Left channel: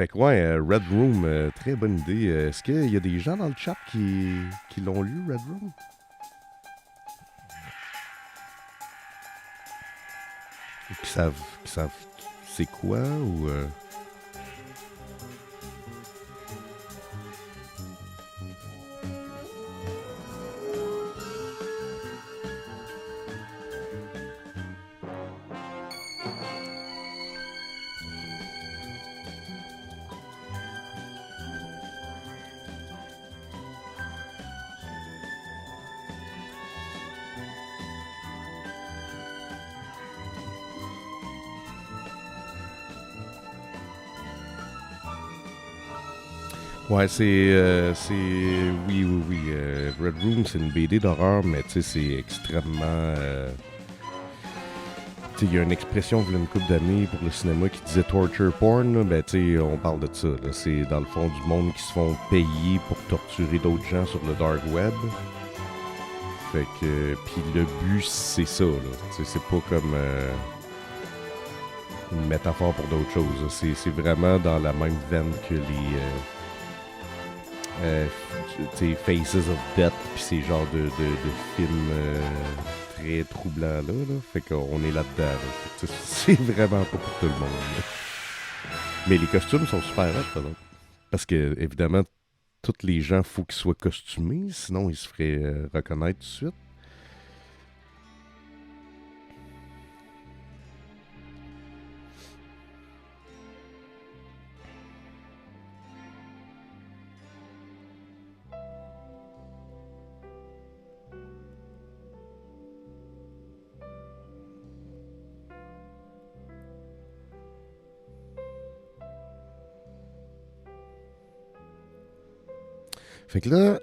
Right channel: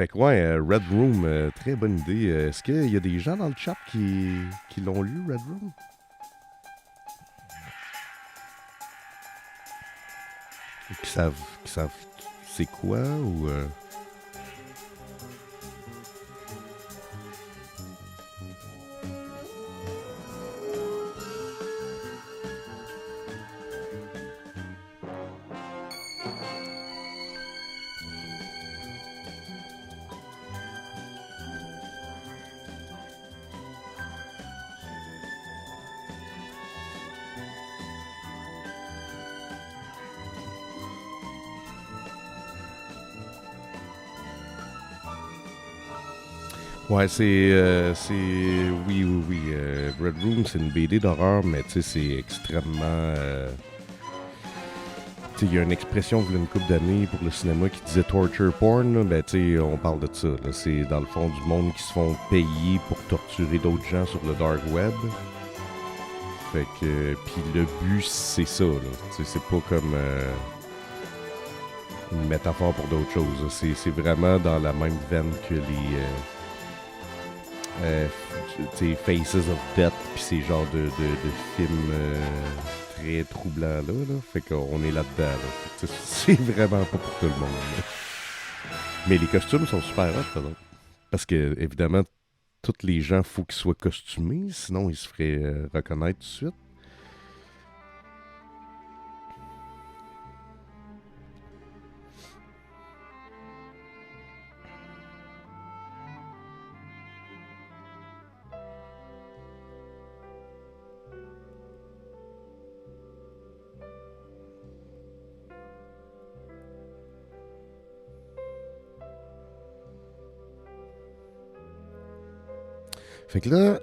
Fait que ouais, Red Room, très bonne idée. Est-ce qu'il y a des gens dans le chat qui l'ont lu, Red Room? Et qui savent c'est quoi ou... Ouais, oui. Red Room, c'est une BD d'horreur, mais tu sais, c'est extrêmement. Tu sais, il y a une expression il y a une couple d'années pour le cinéma qui disait torture porn. Là, ben, tu sais, on parle de ça. Là. C'est dans le fond du monde qui se font payer pour torturer d'autres gens sur le dark web. Fait que. Puis le but, c'est ça. Là. Tu sais, c'est pas comme. Une métaphore pour d'autres choses. Là. C'est vraiment dans la même veine que les. Faces of Death, puis ces genres de films très troublants là. Fait qu'on est là-dedans. Là. C'est vraiment pas pour tout le monde. Là. Mais les costumes sont super hot, par exemple. Parce que, évidemment, tous les gens, faut qu'ils soient costumés, sinon ils se feraient reconnaître tout de suite. Fait que là,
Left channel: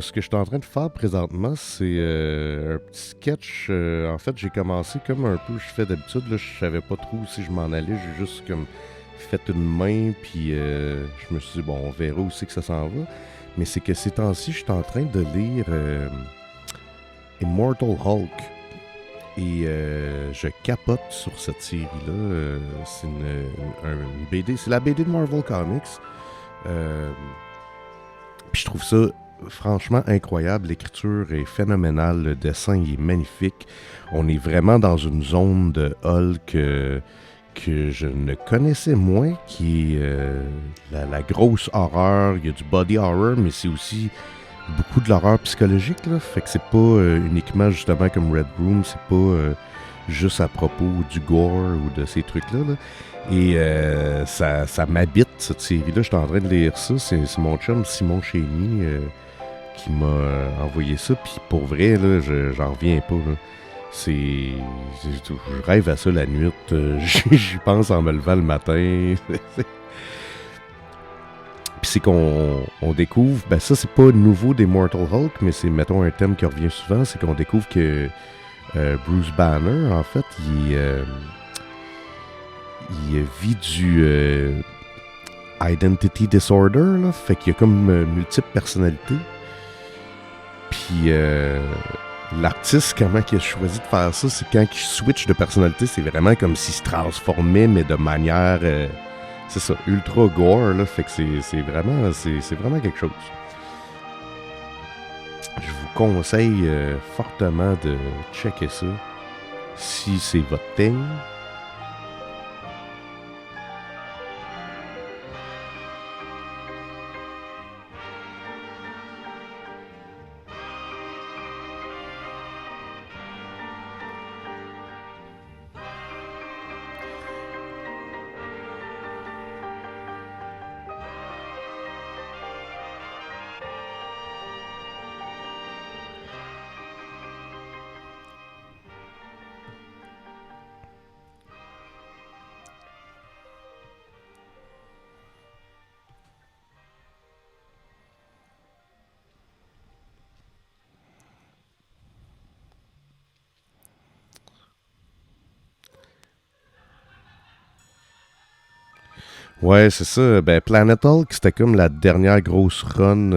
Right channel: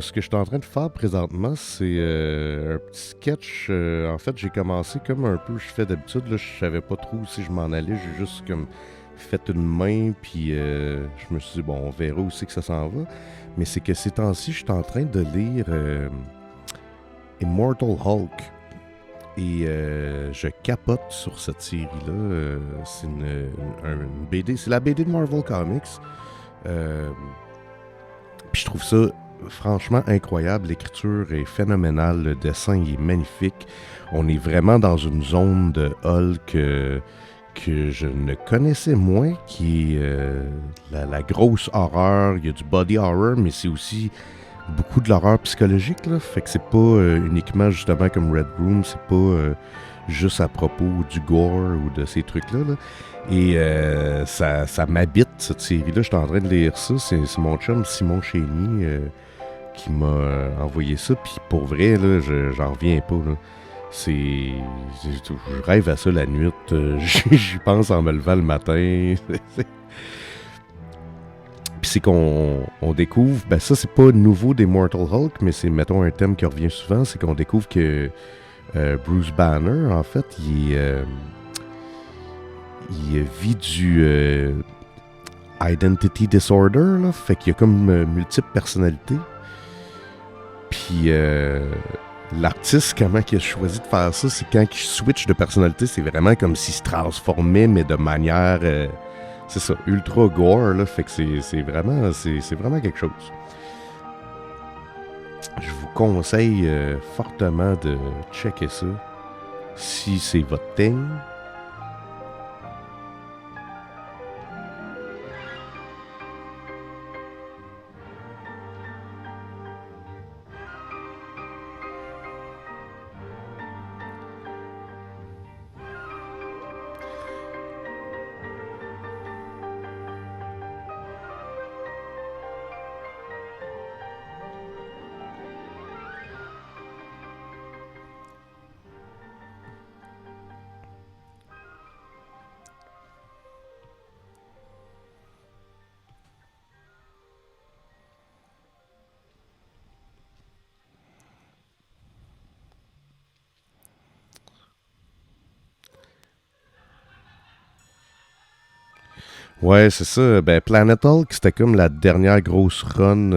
ce que je suis en train de faire présentement, c'est un petit sketch. En fait, j'ai commencé comme un peu je fais d'habitude. Là, je savais pas trop si je m'en allais. J'ai juste comme fait une main, puis je me suis dit, bon, on verra où c'est que ça s'en va. Mais c'est que ces temps-ci, je suis en train de lire Immortal Hulk. Et je capote sur cette série-là. C'est une BD. C'est la BD de Marvel Comics. Euh, Puis je trouve ça franchement incroyable. L'écriture est phénoménale. Le dessin il est magnifique. On est vraiment dans une zone de Hulk que je ne connaissais moins, qui est la grosse horreur. Il y a du body horror, mais c'est aussi beaucoup de l'horreur psychologique. Là. Fait que c'est pas uniquement justement comme Red Room. C'est pas juste à propos du gore ou de ces trucs-là. Là. Et ça m'habite, cette série-là. Je suis en train de lire ça. C'est mon chum Simon Chény qui m'a envoyé ça. Puis pour vrai, là, j'en reviens pas. Là. Je rêve à ça la nuit. J'y pense en me levant le matin. Puis c'est qu'on découvre... Ben ça, c'est pas nouveau des Mortal Hulk, mais c'est, mettons, un thème qui revient souvent. C'est qu'on découvre que Bruce Banner, en fait, il vit du identity disorder, là, fait qu'il y a comme multiples personnalités. Puis l'artiste, comment il a choisi de faire ça, c'est quand il switch de personnalité, c'est vraiment comme s'il se transformait, mais de manière, c'est ça, ultra gore, là, fait que c'est vraiment quelque chose. Je vous conseille fortement de checker ça, si c'est votre thing. Ouais, c'est ça. Ben, Planet Hulk, c'était comme la dernière grosse run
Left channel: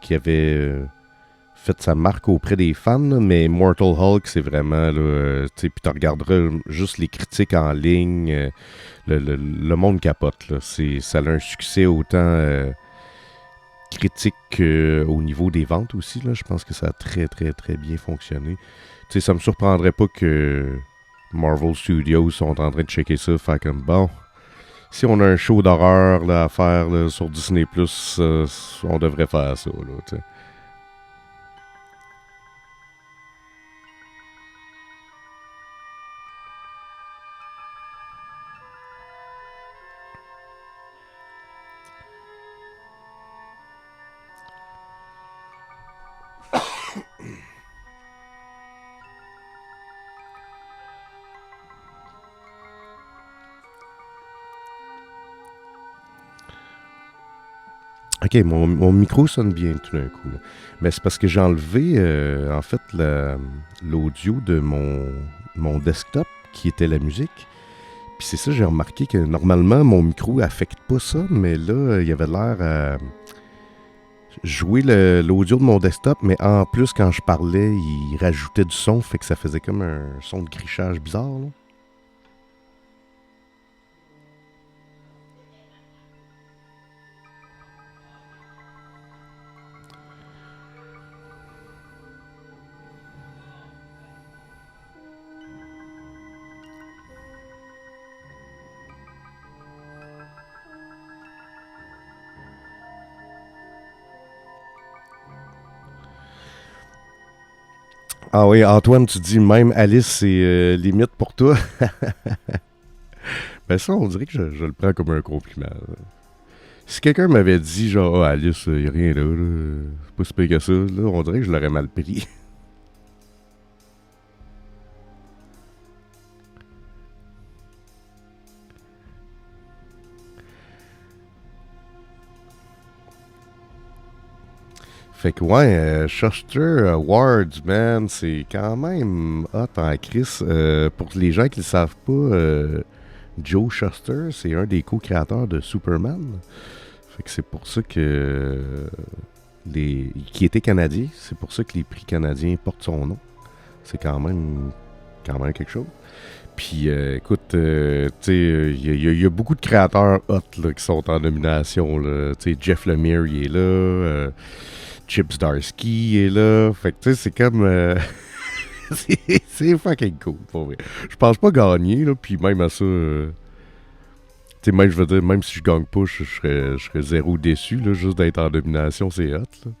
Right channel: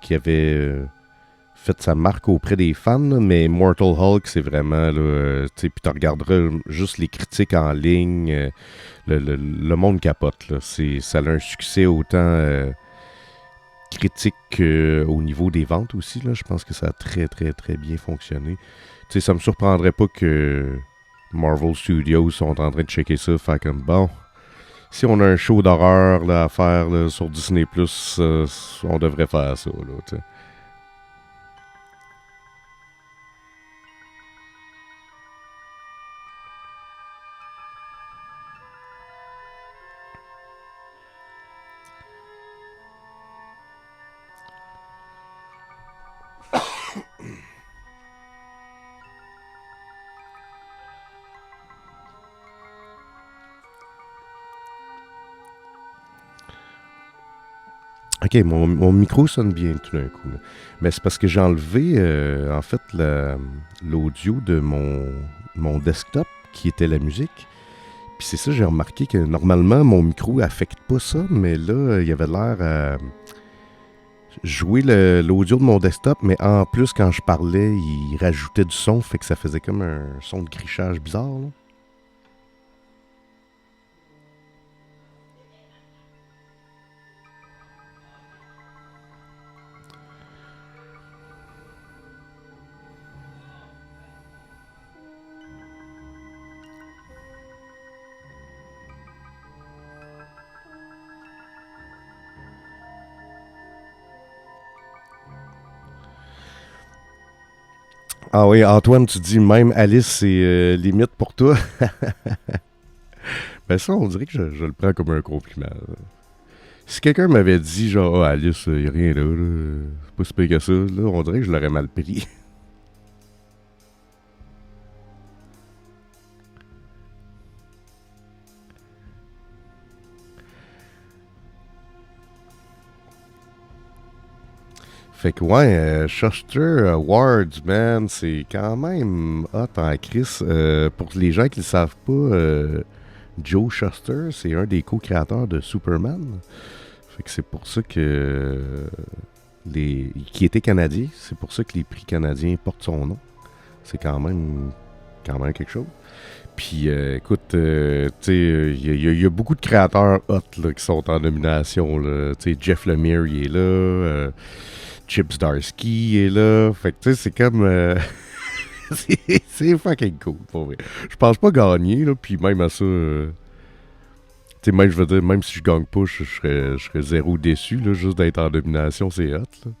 qu'il avait fait sa marque auprès des fans, là, mais Mortal Hulk, c'est vraiment, là, tu sais, puis tu regarderas juste les critiques en ligne, le monde capote, là. Ça a un succès autant critique qu'au niveau des ventes aussi, là. Je pense que ça a très, très, très bien fonctionné. Tu sais, ça me surprendrait pas que Marvel Studios sont en train de checker ça, faire comme, bon, si on a un show d'horreur là, à faire là, sur Disney+, on devrait faire ça, là, tu sais. Ok, mon micro sonne bien tout d'un coup, là. Mais c'est parce que j'ai enlevé, en fait, l'audio de mon desktop, qui était la musique. Puis c'est ça, j'ai remarqué que normalement, mon micro affecte pas ça, mais là, il y avait l'air à jouer l'audio de mon desktop, mais en plus, quand je parlais, il rajoutait du son, fait que ça faisait comme un son de grichage bizarre, là. Ah oui, Antoine, tu dis même Alice, c'est limite pour toi. Ben ça, on dirait que je le prends comme un compliment, là. Si quelqu'un m'avait dit, genre, ah, Alice, y a rien là, c'est pas si pire que ça, là, on dirait que je l'aurais mal pris. Fait que ouais, Shuster Awards, man, c'est quand même hot en crise. Pour les gens qui ne le savent pas, Joe Shuster, c'est un des co-créateurs de Superman. Fait que c'est pour ça que qui était canadien, c'est pour ça que les prix canadiens portent son nom. C'est quand même quelque chose. Puis écoute, tu sais, il y a beaucoup de créateurs hot là, qui sont en nomination. Tu sais, Jeff Lemire, il est là. Chips Darsky est là. Fait que tu sais, c'est comme... c'est fucking cool, pour vrai. Je pense pas gagner, là, puis même à ça... tu sais, même, je veux dire, même si je gagne pas, je serais zéro déçu, là, juste d'être en nomination, c'est hot, là.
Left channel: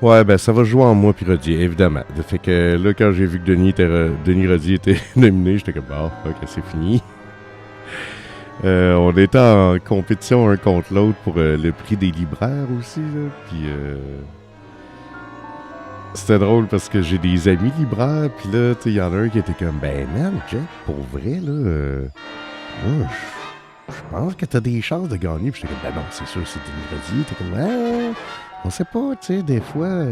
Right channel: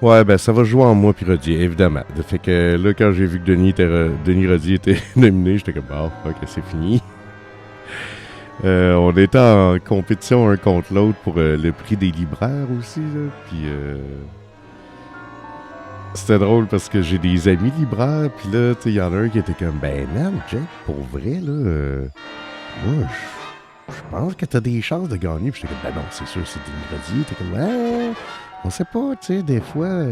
Ouais, ben ça va jouer en moi puis Rodier, évidemment. Fait que là, quand j'ai vu que Denis Rodier était nominé, j'étais comme, bah, ok, c'est fini. On était en compétition un contre l'autre pour le prix des libraires aussi. Là. Puis c'était drôle parce que j'ai des amis libraires. Puis là, il y en a un qui était comme, ben man, Jack, pour vrai, là, moi, je pense que t'as des chances de gagner. Puis j'étais comme, ben non, c'est sûr, c'est du Livredier. T'es comme, on sait pas, tu sais, des fois.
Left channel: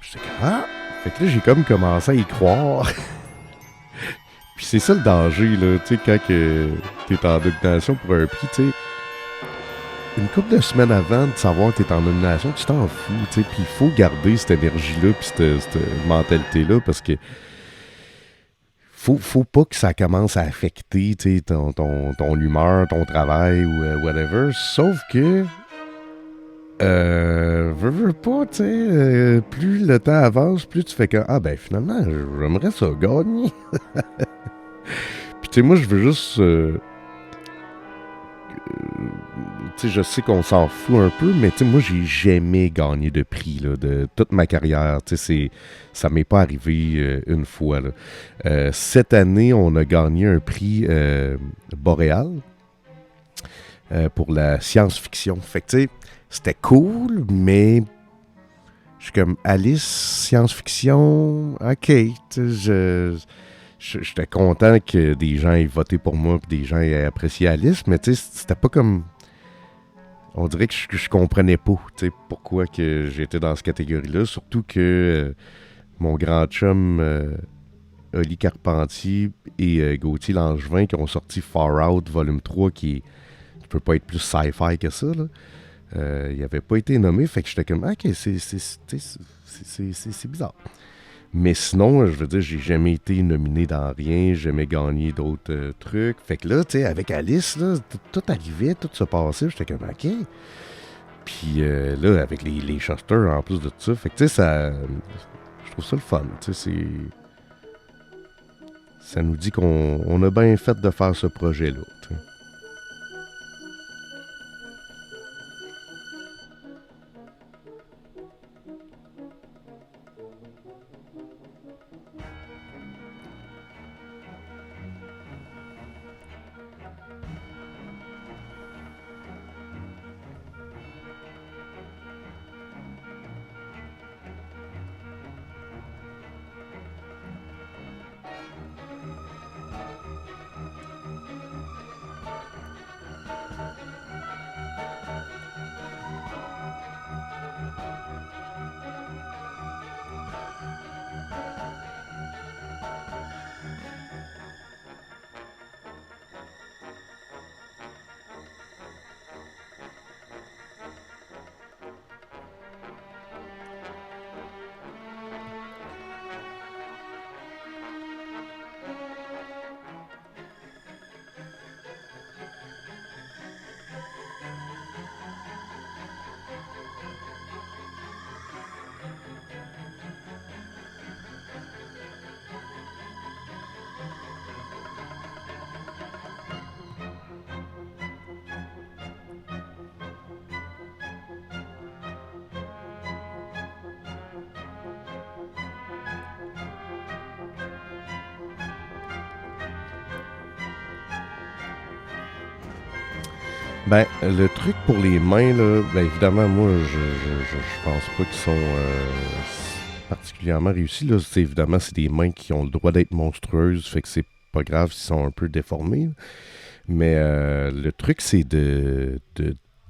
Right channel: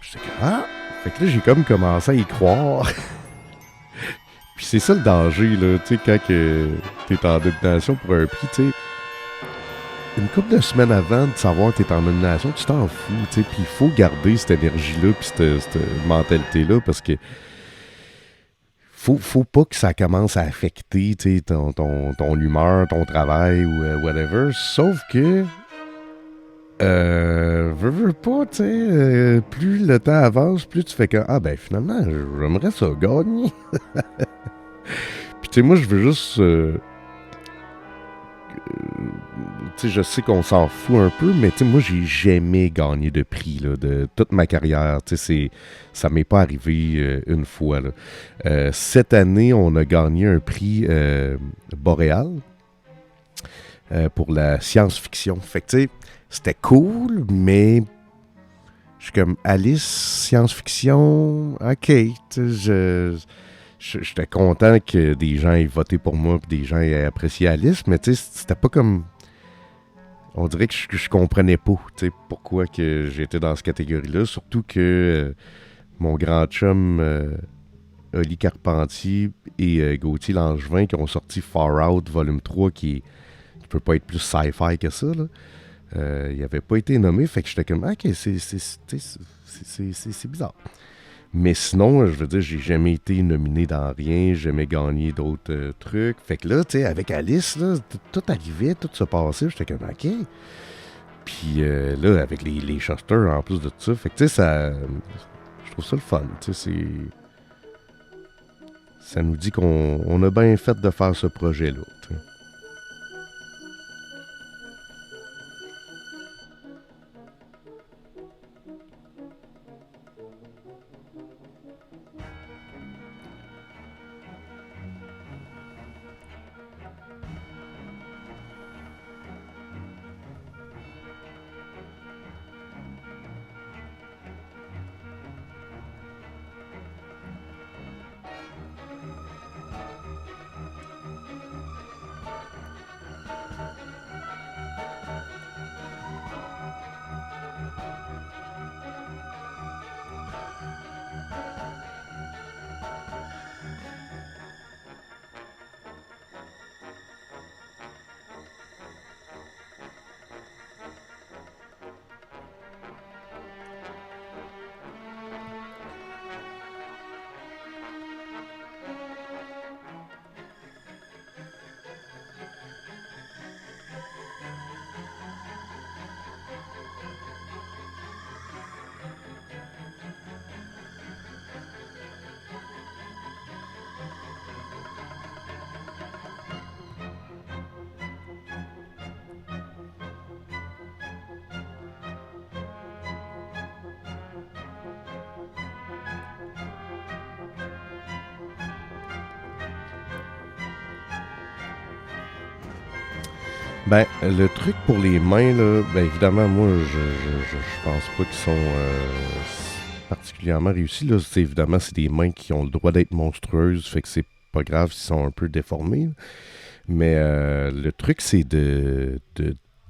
Puis j'étais comme, ah! Fait que là, j'ai comme commencé à y croire. Puis c'est ça le danger, là, tu sais, quand t'es en nomination pour un prix, tu sais. Une couple de semaines avant de savoir que t'es en nomination, tu t'en fous, tu sais. Puis il faut garder cette énergie-là, puis cette mentalité-là, parce que faut pas que ça commence à affecter, tu sais, ton humeur, ton travail ou whatever. Sauf que, veux pas, tu sais, plus le temps avance, plus tu fais que, ah ben finalement, j'aimerais ça gagner. Puis tu sais, moi, je veux juste... tu sais, je sais qu'on s'en fout un peu, mais tu sais, moi, j'ai jamais gagné de prix là, de toute ma carrière. Tu sais, ça m'est pas arrivé une fois. Là. Cette année, on a gagné un prix Boréal pour la science-fiction. Fait que tu sais, c'était cool, mais je suis comme Alice, science-fiction, ok. J'étais content que des gens aient voté pour moi et des gens aient apprécié Alice, mais tu sais, c'était pas comme... On dirait que je comprenais pas pourquoi que j'étais dans cette catégorie-là. Surtout que mon grand chum Oli Carpentier et Gauthier Langevin qui ont sorti Far Out Volume 3 qui peut pas être plus sci-fi que ça. Il n'avait pas été nommé, fait que j'étais comme ok, c'est bizarre. Mais sinon, je veux dire, j'ai jamais été nominé dans rien, j'ai jamais gagné d'autres trucs. Fait que là, tu sais, avec Alice, là, tout arrivait, tout se passait, j'étais comme, ok. Puis là, avec les Shuster en plus de tout ça, fait que tu sais, ça... Je trouve ça le fun, tu sais, c'est... Ça nous dit qu'on a bien fait de faire ce projet-là, tu sais. Ben, le truc pour les mains, là, ben évidemment, moi, je pense pas qu'ils sont particulièrement réussis. Là. Évidemment, c'est des mains qui ont le droit d'être monstrueuses, fait que c'est pas grave s'ils sont un peu déformés. Là. Mais le truc, c'est de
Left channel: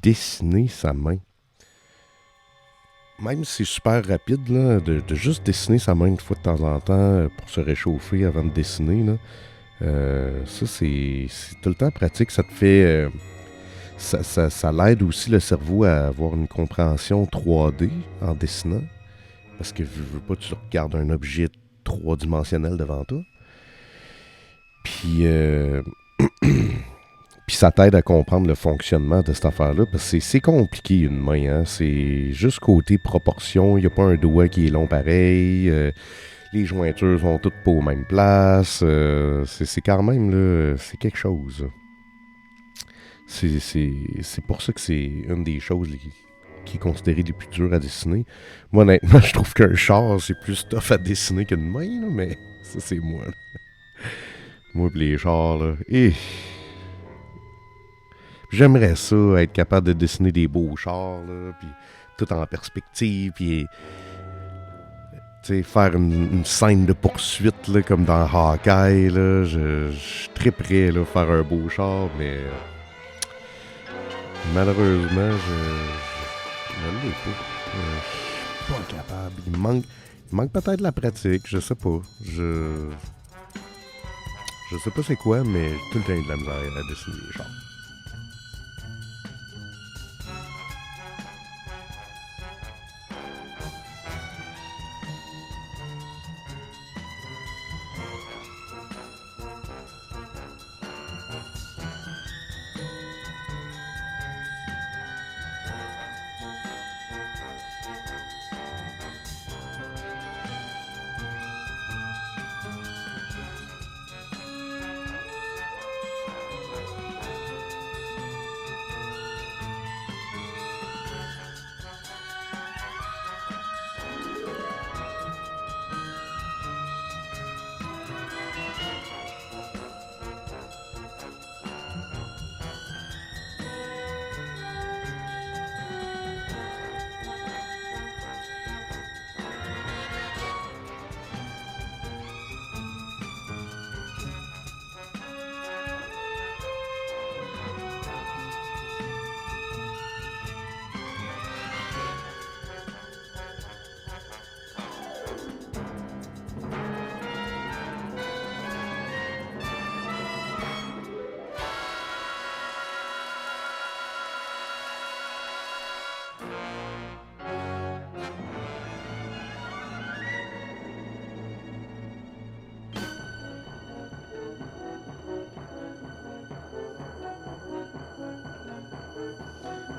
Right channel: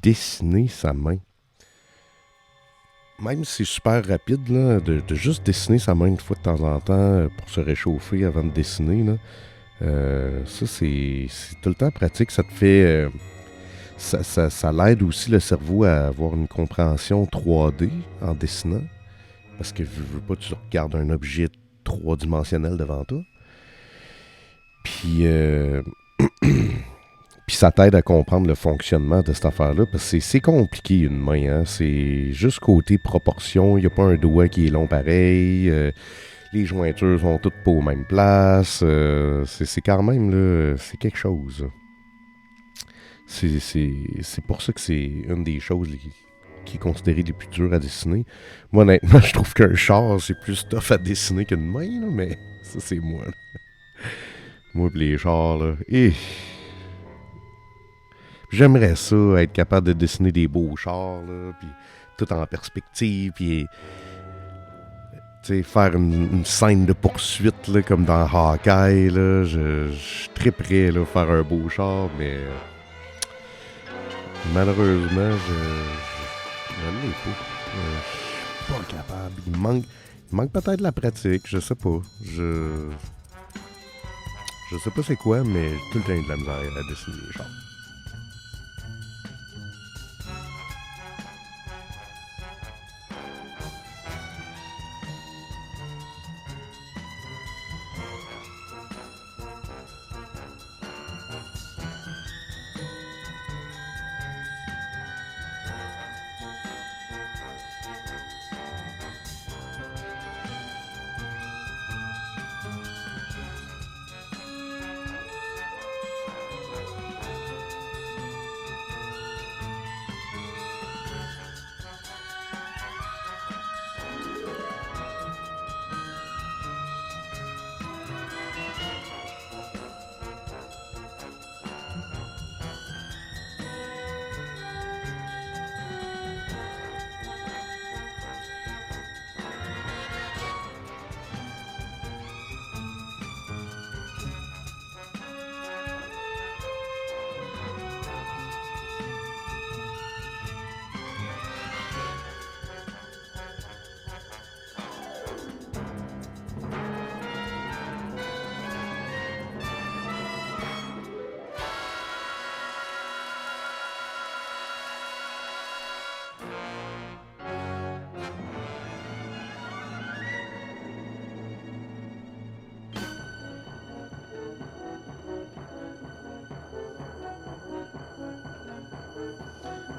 dessiner sa main. Même si c'est super rapide, là, de juste dessiner sa main une fois de temps en temps pour se réchauffer avant de dessiner, là, ça, c'est tout le temps pratique. Ça te fait... ça l'aide aussi le cerveau à avoir une compréhension 3D en dessinant. Parce que je veux pas que tu regardes un objet trois-dimensionnel devant toi. Puis, puis ça t'aide à comprendre le fonctionnement de cette affaire-là. Parce que c'est compliqué une main. Hein? C'est juste côté proportion. Il n'y a pas un doigt qui est long pareil. Les jointures sont toutes pas aux mêmes places. C'est quand même là, c'est quelque chose. C'est pour ça que c'est une des choses qui est considérée les plus dures à dessiner. Moi, honnêtement, je trouve qu'un char, c'est plus tough à dessiner qu'une main, là, mais ça, c'est moi. Là. Moi, pis les chars, là. J'aimerais ça, être capable de dessiner des beaux chars, là, puis tout en perspective, puis faire une scène de poursuite, là, comme dans Hawkeye, là. Je suis très prêt, là, faire un beau char, mais malheureusement, je l'ai pas. Je suis pas capable. Il manque peut-être la pratique, je sais pas. Je sais pas c'est quoi, mais j'ai tout le temps eu de la misère à dessiner les chars.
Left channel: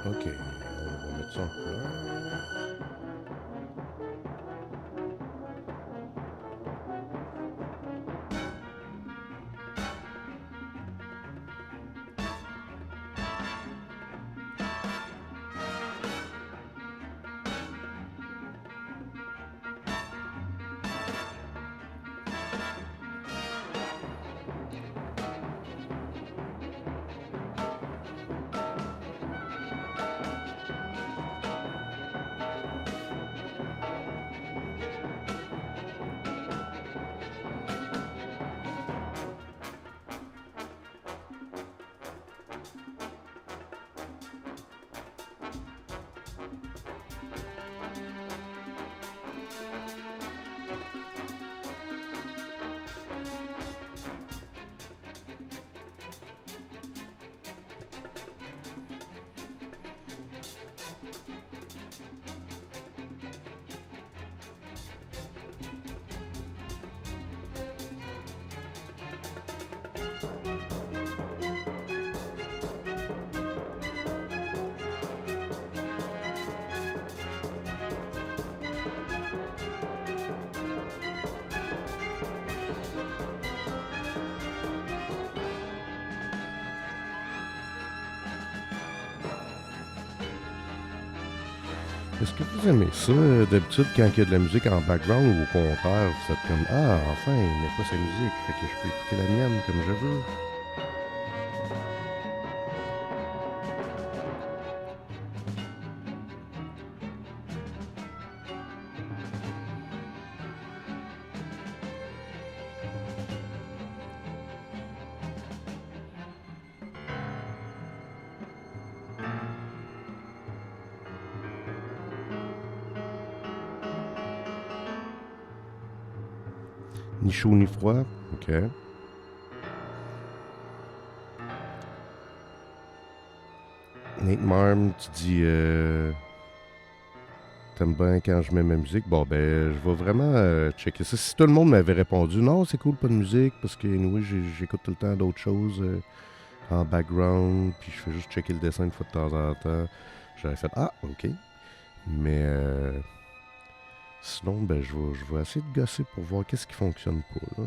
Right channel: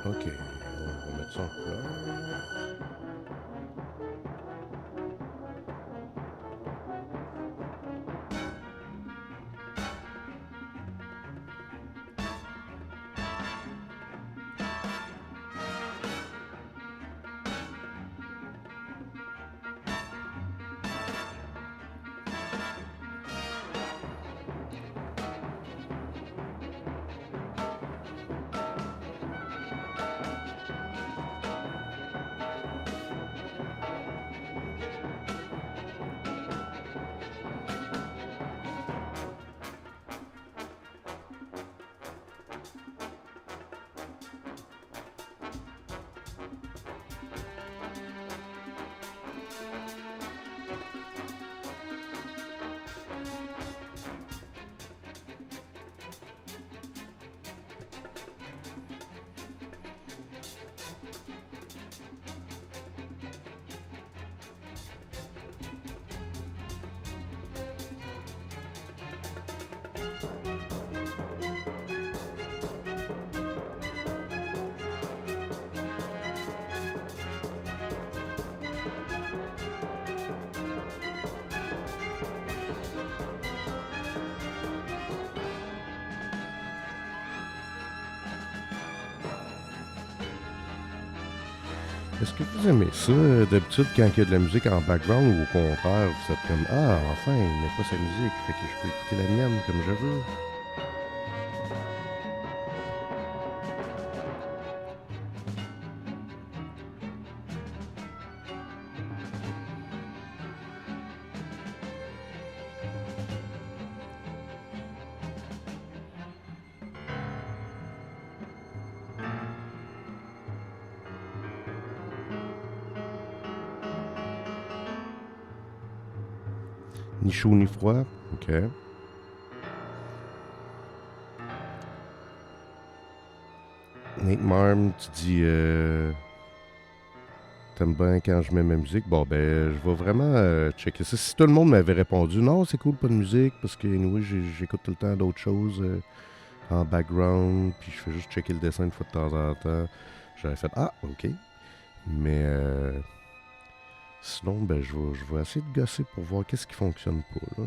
Ok, on va mettre ça en couleur. Est-ce que vous aimez ça, d'habitude, quand il y a de la musique en background, ou au contraire, vous êtes comme ah, enfin, il met pas sa musique, fait que je peux écouter la mienne comme je veux? Ni chaud ni froid? Ok. Nate Marm, tu dis t'aimes bien quand je mets ma musique? Bon, ben, je vais vraiment checker ça. Si tout le monde m'avait répondu non, c'est cool, pas de musique, parce que oui, j'écoute tout le temps d'autres choses en background, puis je fais juste checker le dessin une fois de temps en temps, j'aurais fait ah, ok. Mais sinon, ben, je vais essayer de gosser pour voir qu'est-ce qui fonctionne pas, là.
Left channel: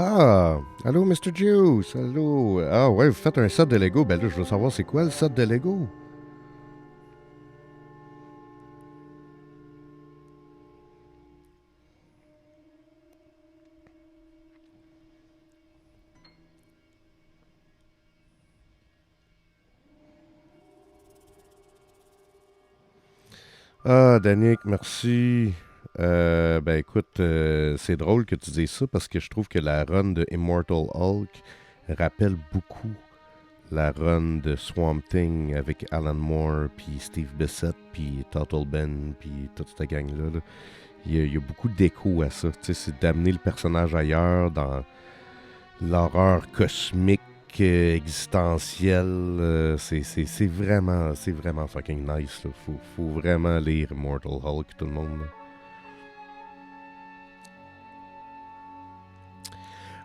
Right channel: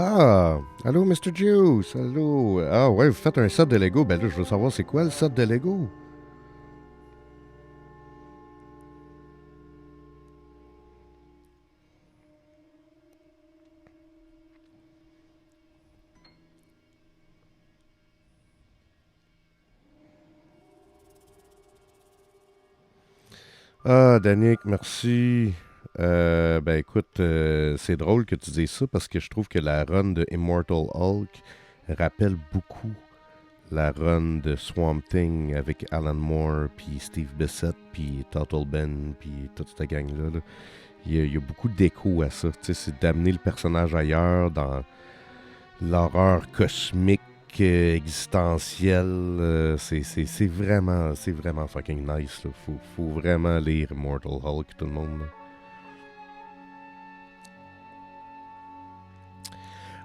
Ah, allô, Mr. Juice, allô. Ah ouais, vous faites un set de Lego. Ben là, je veux savoir c'est quoi le set de Lego. Ah, Danick, merci. Ben écoute, c'est drôle que tu dises ça parce que je trouve que la run de Immortal Hulk rappelle beaucoup la run de Swamp Thing avec Alan Moore, puis Steve Bissett, puis Total Ben, puis toute cette gang-là. Là. Il y a beaucoup d'écho à ça. Tu sais, c'est d'amener le personnage ailleurs dans l'horreur cosmique, existentielle. C'est vraiment fucking nice. Là. Faut vraiment lire Immortal Hulk, tout le monde. Là.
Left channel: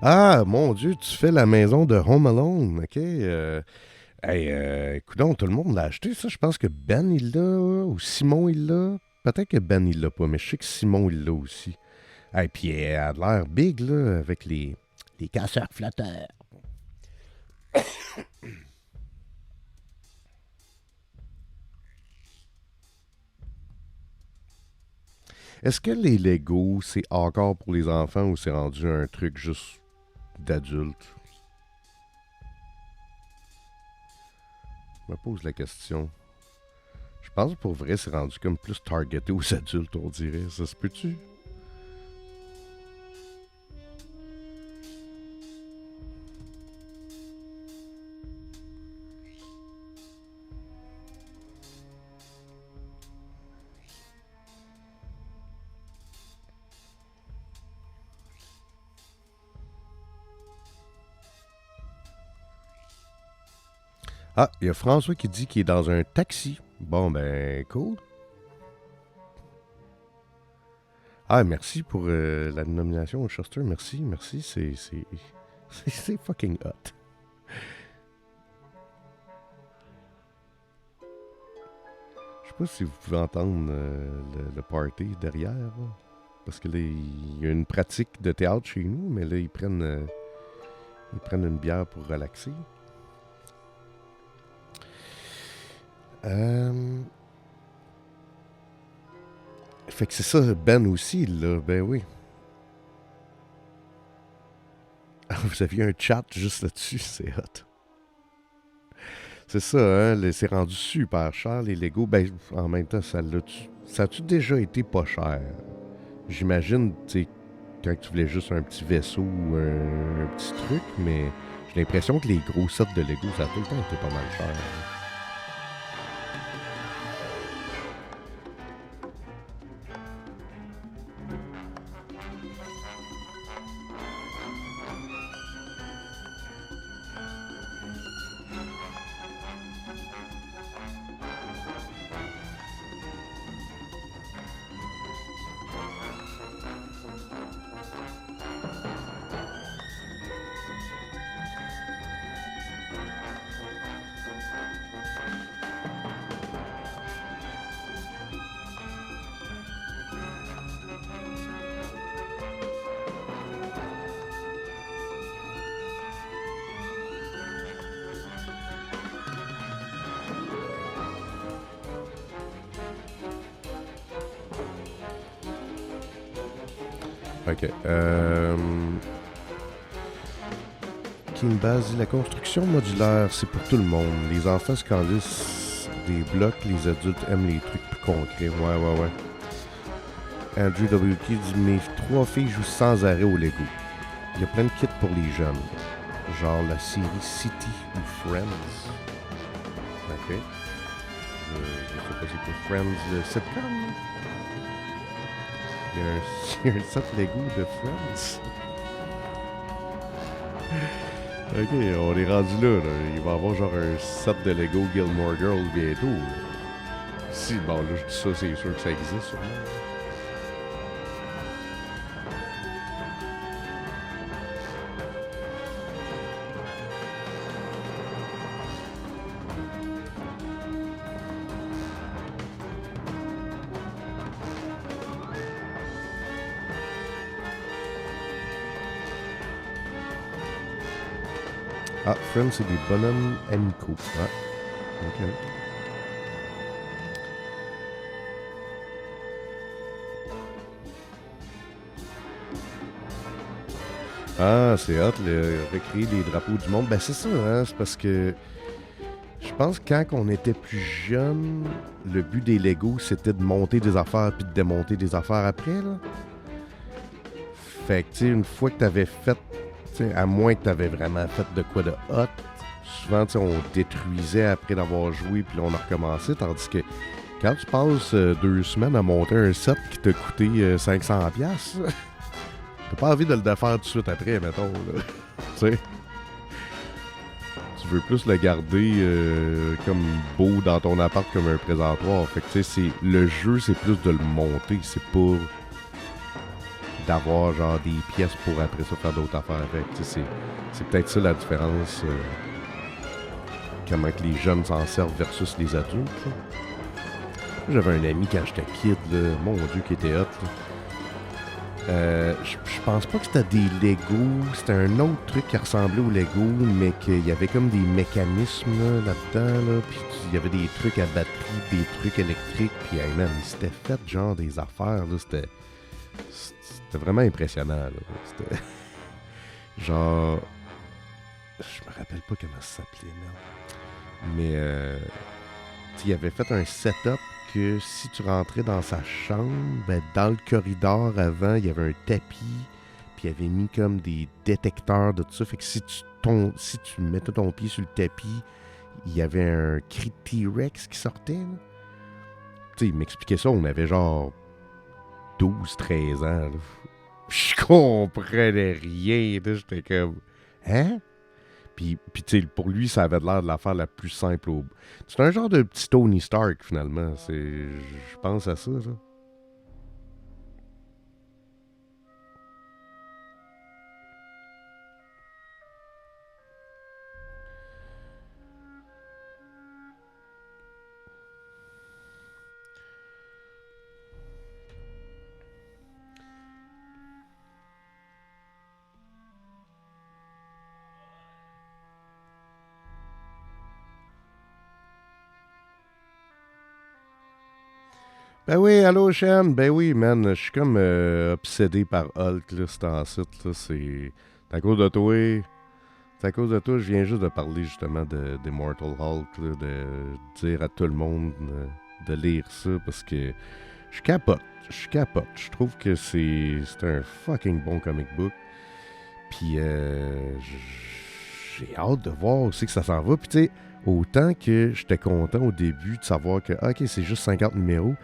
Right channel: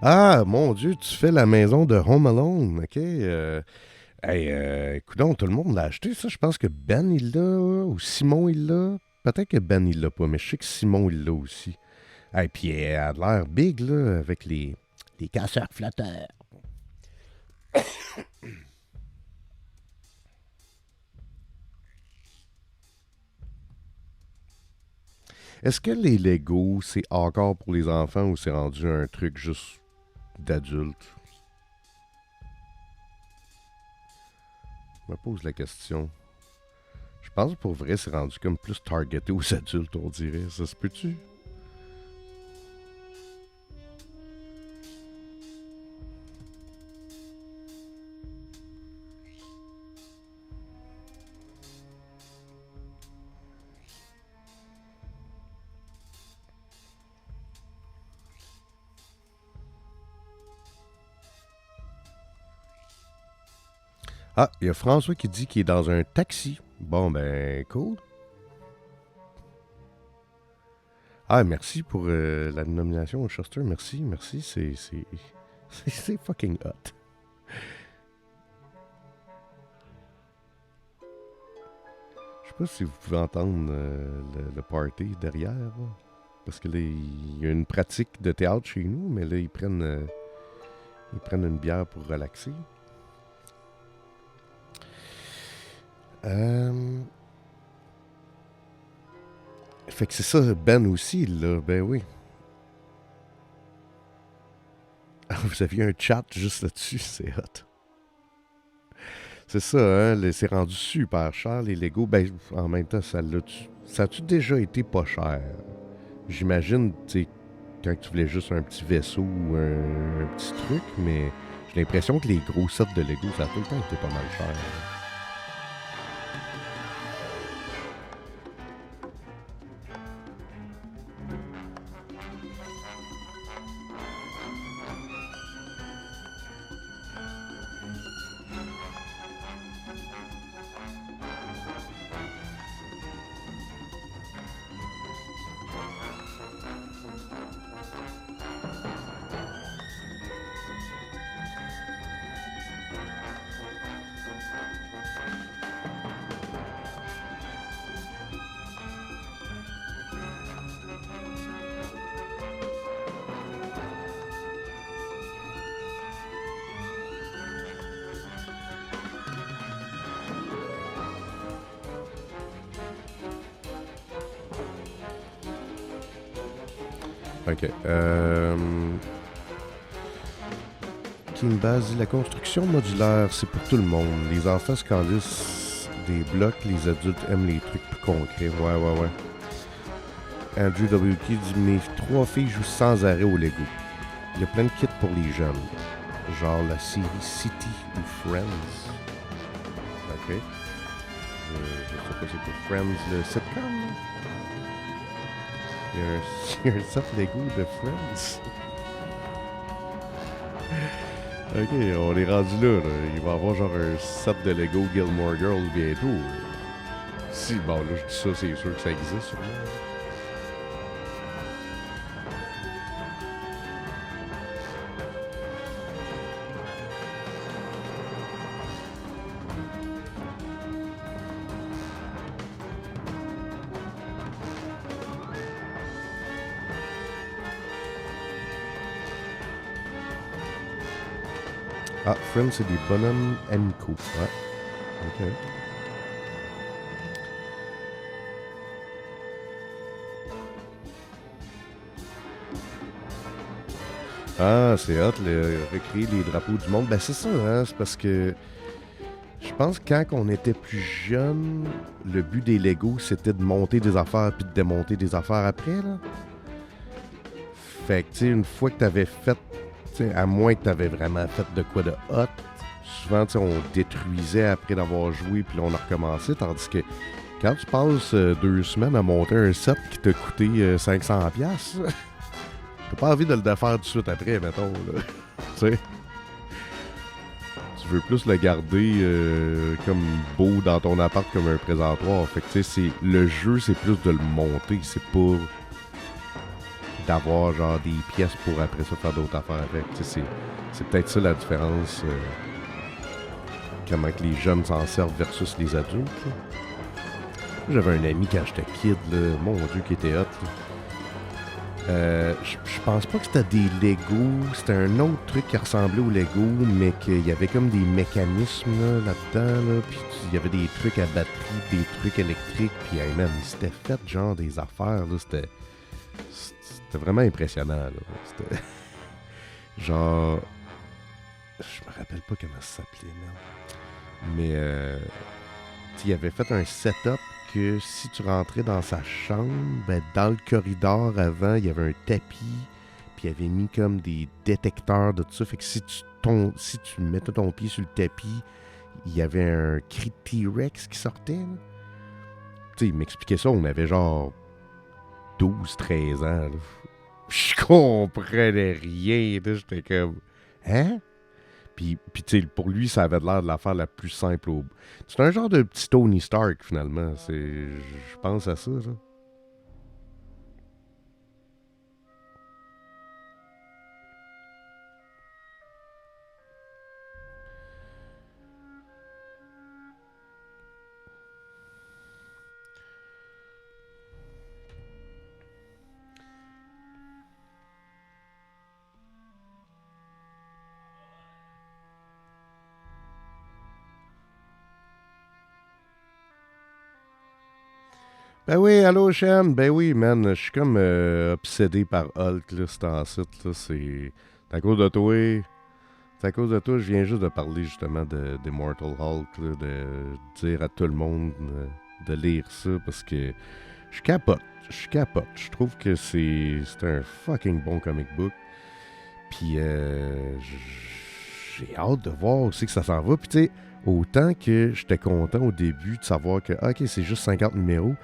Ah, mon Dieu, tu fais la maison de Home Alone, ok? Hey, coudonc, tout le monde l'a acheté, ça. Je pense que Ben, il l'a, ou Simon, il l'a. Peut-être que Ben, il l'a pas, mais je sais que Simon, il l'a aussi. Hey, puis elle a l'air big, là, avec les casseurs flotteurs. Est-ce que les Lego, c'est encore pour les enfants ou c'est rendu un truc juste d'adulte? Je me pose la question. Je pense que pour vrai, c'est rendu comme plus targeté aux adultes, on dirait. Ça se peut-tu? Ah, il y a François qui dit qu'il est dans un taxi. Bon, ben, cool. Ah, merci pour la nomination au Shuster. Merci, merci. C'est fucking hot. Je sais pas si vous pouvez entendre le party derrière. Là. Parce que là, il y a une pratique de théâtre chez nous, mais là, ils prennent une bière pour relaxer. Euh, Fait que c'est ça, Ben aussi, là. Ben oui. Ah, vous aviez un chat juste là-dessus, c'est hot. C'est ça, hein, c'est rendu super cher, les Lego. Ben, en même temps, ça a-tu déjà été pas cher? J'imagine, tu sais, quand tu voulais juste un petit vaisseau ou un petit truc, mais j'ai l'impression que les gros sets de Lego, ça a tout le temps été pas mal cher. Ok. King Baz dit la construction modulaire, c'est pour tout le monde. Les enfants se calissent des blocs, les adultes aiment les trucs plus concrets. Ouais, ouais, ouais. Andrew WK dit mes trois filles jouent sans arrêt au Lego. Il y a plein de kits pour les jeunes. Genre la série City ou Friends. Ok. Je sais pas c'est quoi Friends, le sitcom. Il y a un set Lego de Friends. Ok, on est rendu là, là. Il va y avoir genre un set de Lego Gilmore Girls bientôt. Là. Si, bon, là, je dis ça, c'est sûr que ça existe, sûrement. Ah, Friends, c'est des bonhommes amicaux. Ah, ok. Ah, c'est hot, recréer les drapeaux du monde. Ben, c'est ça, hein? C'est parce que je pense que quand on était plus jeune, le but des Legos, c'était de monter des affaires puis de démonter des affaires après, là. Fait que, tu sais, une fois que t'avais fait, tu sais, à moins que t'avais vraiment fait de quoi de hot, souvent, tu sais, on détruisait après d'avoir joué puis là, on a recommencé. Tandis que quand tu passes 2 semaines à monter un set qui t'a coûté 500$, t'as pas envie de le défaire tout de suite après, mettons, là. Tu sais, tu veux plus le garder comme beau dans ton appart comme un présentoir. Fait que, tu sais, le jeu, c'est plus de le monter. C'est pour d'avoir, genre, des pièces pour après ça faire d'autres affaires avec. Tu sais, c'est peut-être ça la différence. Comment que les jeunes s'en servent versus les adultes. Là. J'avais un ami quand j'étais kid, là, mon Dieu, qui était hot. Là. Je pense pas que c'était des Legos. C'était un autre truc qui ressemblait aux Legos, mais qu'il y avait comme des mécanismes là-dedans. Là, puis il y avait des trucs à batterie, des trucs électriques. Puis hey, man, il s'était fait genre des affaires. Là, c'était vraiment impressionnant. Là. C'était genre... Je me rappelle pas comment ça s'appelait, merde. Mais il avait fait un setup que si tu rentrais dans sa chambre, ben, dans le corridor avant, il y avait un tapis, puis il avait mis comme des détecteurs de tout ça. Fait que si tu mettais ton pied sur le tapis, il y avait un cri de T-Rex qui sortait. Tu sais, il m'expliquait ça, on avait genre 12-13 ans. Là. Je comprenais rien. J'étais comme... Hein? Puis tu sais, pour lui, ça avait l'air de l'affaire la plus simple au... C'est un genre de petit Tony Stark, finalement. Je pense à ça, là. Ben oui, allô, Shen. Ben oui, man. Je suis comme obsédé par Hulk, là, c'est en site, là. C'est à cause de toi. C'est à cause de toi, je viens juste de parler, justement, d'Immortal Hulk, là, de dire à tout le monde de lire ça, parce que je capote. Je capote. Je trouve que c'est un fucking bon comic book. Puis j'ai hâte de voir aussi que ça s'en va. Puis tu sais, autant que j'étais content au début de savoir que, ok, c'est juste 50 numéros,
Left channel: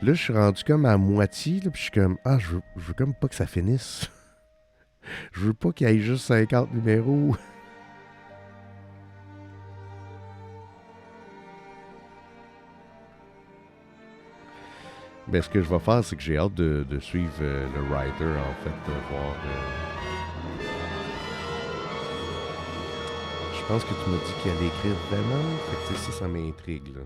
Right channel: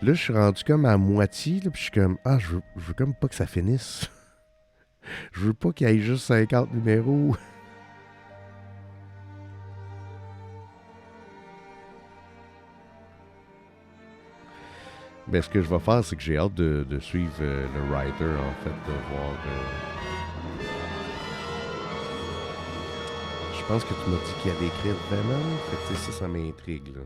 là, je suis rendu comme à moitié, là, puis je suis comme, je veux comme pas que ça finisse. Je veux pas qu'il y ait juste 50 numéros. Ben, ce que je vais faire, c'est que j'ai hâte de suivre le writer, en fait, de voir. Je pense que tu m'as dit qu'il allait écrire Venom. Fait que ça m'intrigue, là.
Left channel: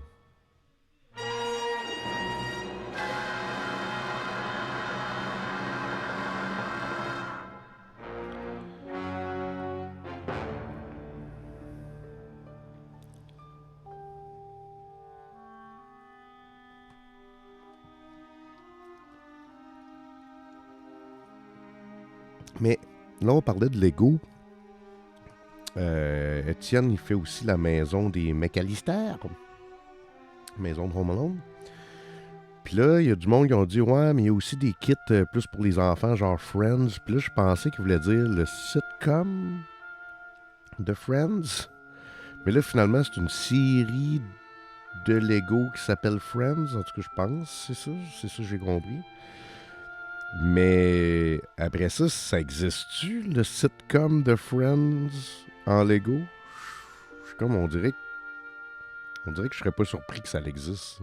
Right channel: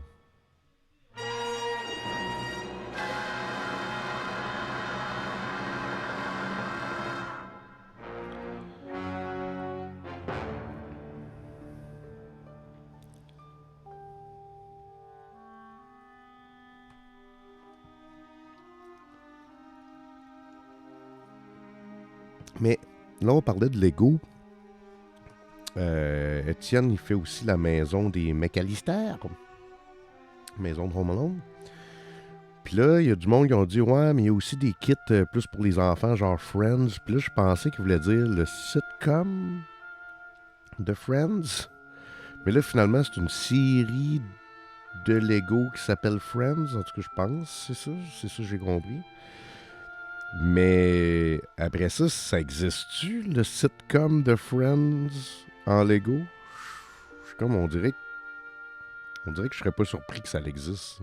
Mais là, on parlait de Lego. Étienne, il fait aussi la maison des McAllister. Maison de Home Alone. Puis là, il y a du monde qui ont dit, ouais, mais il y a aussi des kits plus pour les enfants, genre Friends. Puis là, je pensais qu'il voulait dire le sitcom de Friends. Mais là, finalement, c'est une série de Lego qui s'appelle Friends. En tout cas, je pense. C'est ça que j'ai compris. Mais après ça, ça existe-tu, le sitcom de Friends en Lego? Je suis comme, on dirait que je serais pas surpris que ça existe.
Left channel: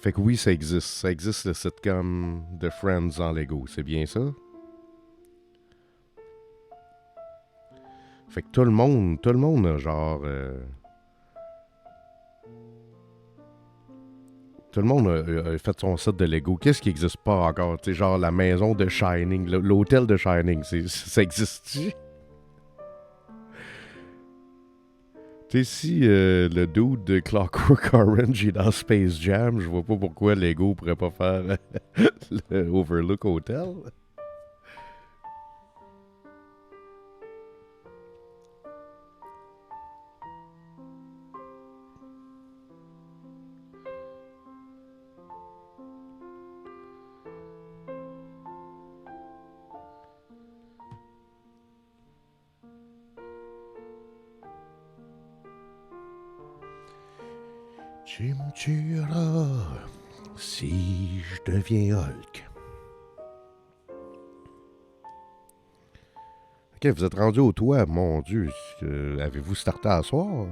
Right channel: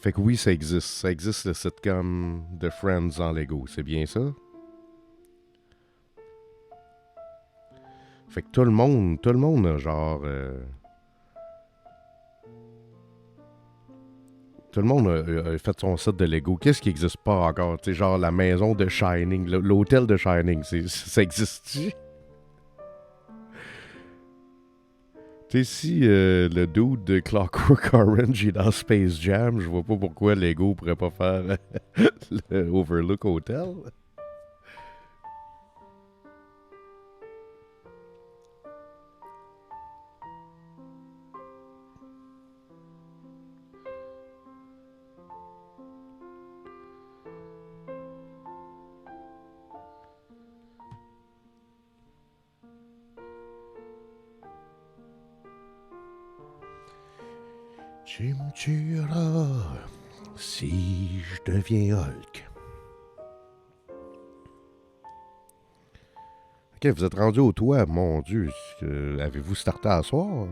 Fait que oui, ça existe. Ça existe le sitcom de Friends en Lego. C'est bien ça? Fait que tout le monde a genre... tout le monde a fait son set de Lego. Qu'est-ce qui n'existe pas encore? Tu sais, genre la maison de Shining, l'hôtel de Shining, ça existe-tu? Tu sais, si le dude de Clockwork Orange est dans Space Jam, je vois pas pourquoi Lego pourrait pas faire le Overlook Hotel. Tu me tueras si je deviens Hulk. Ok, vous êtes rendu au toit, mon Dieu. Avez-vous starté à soir?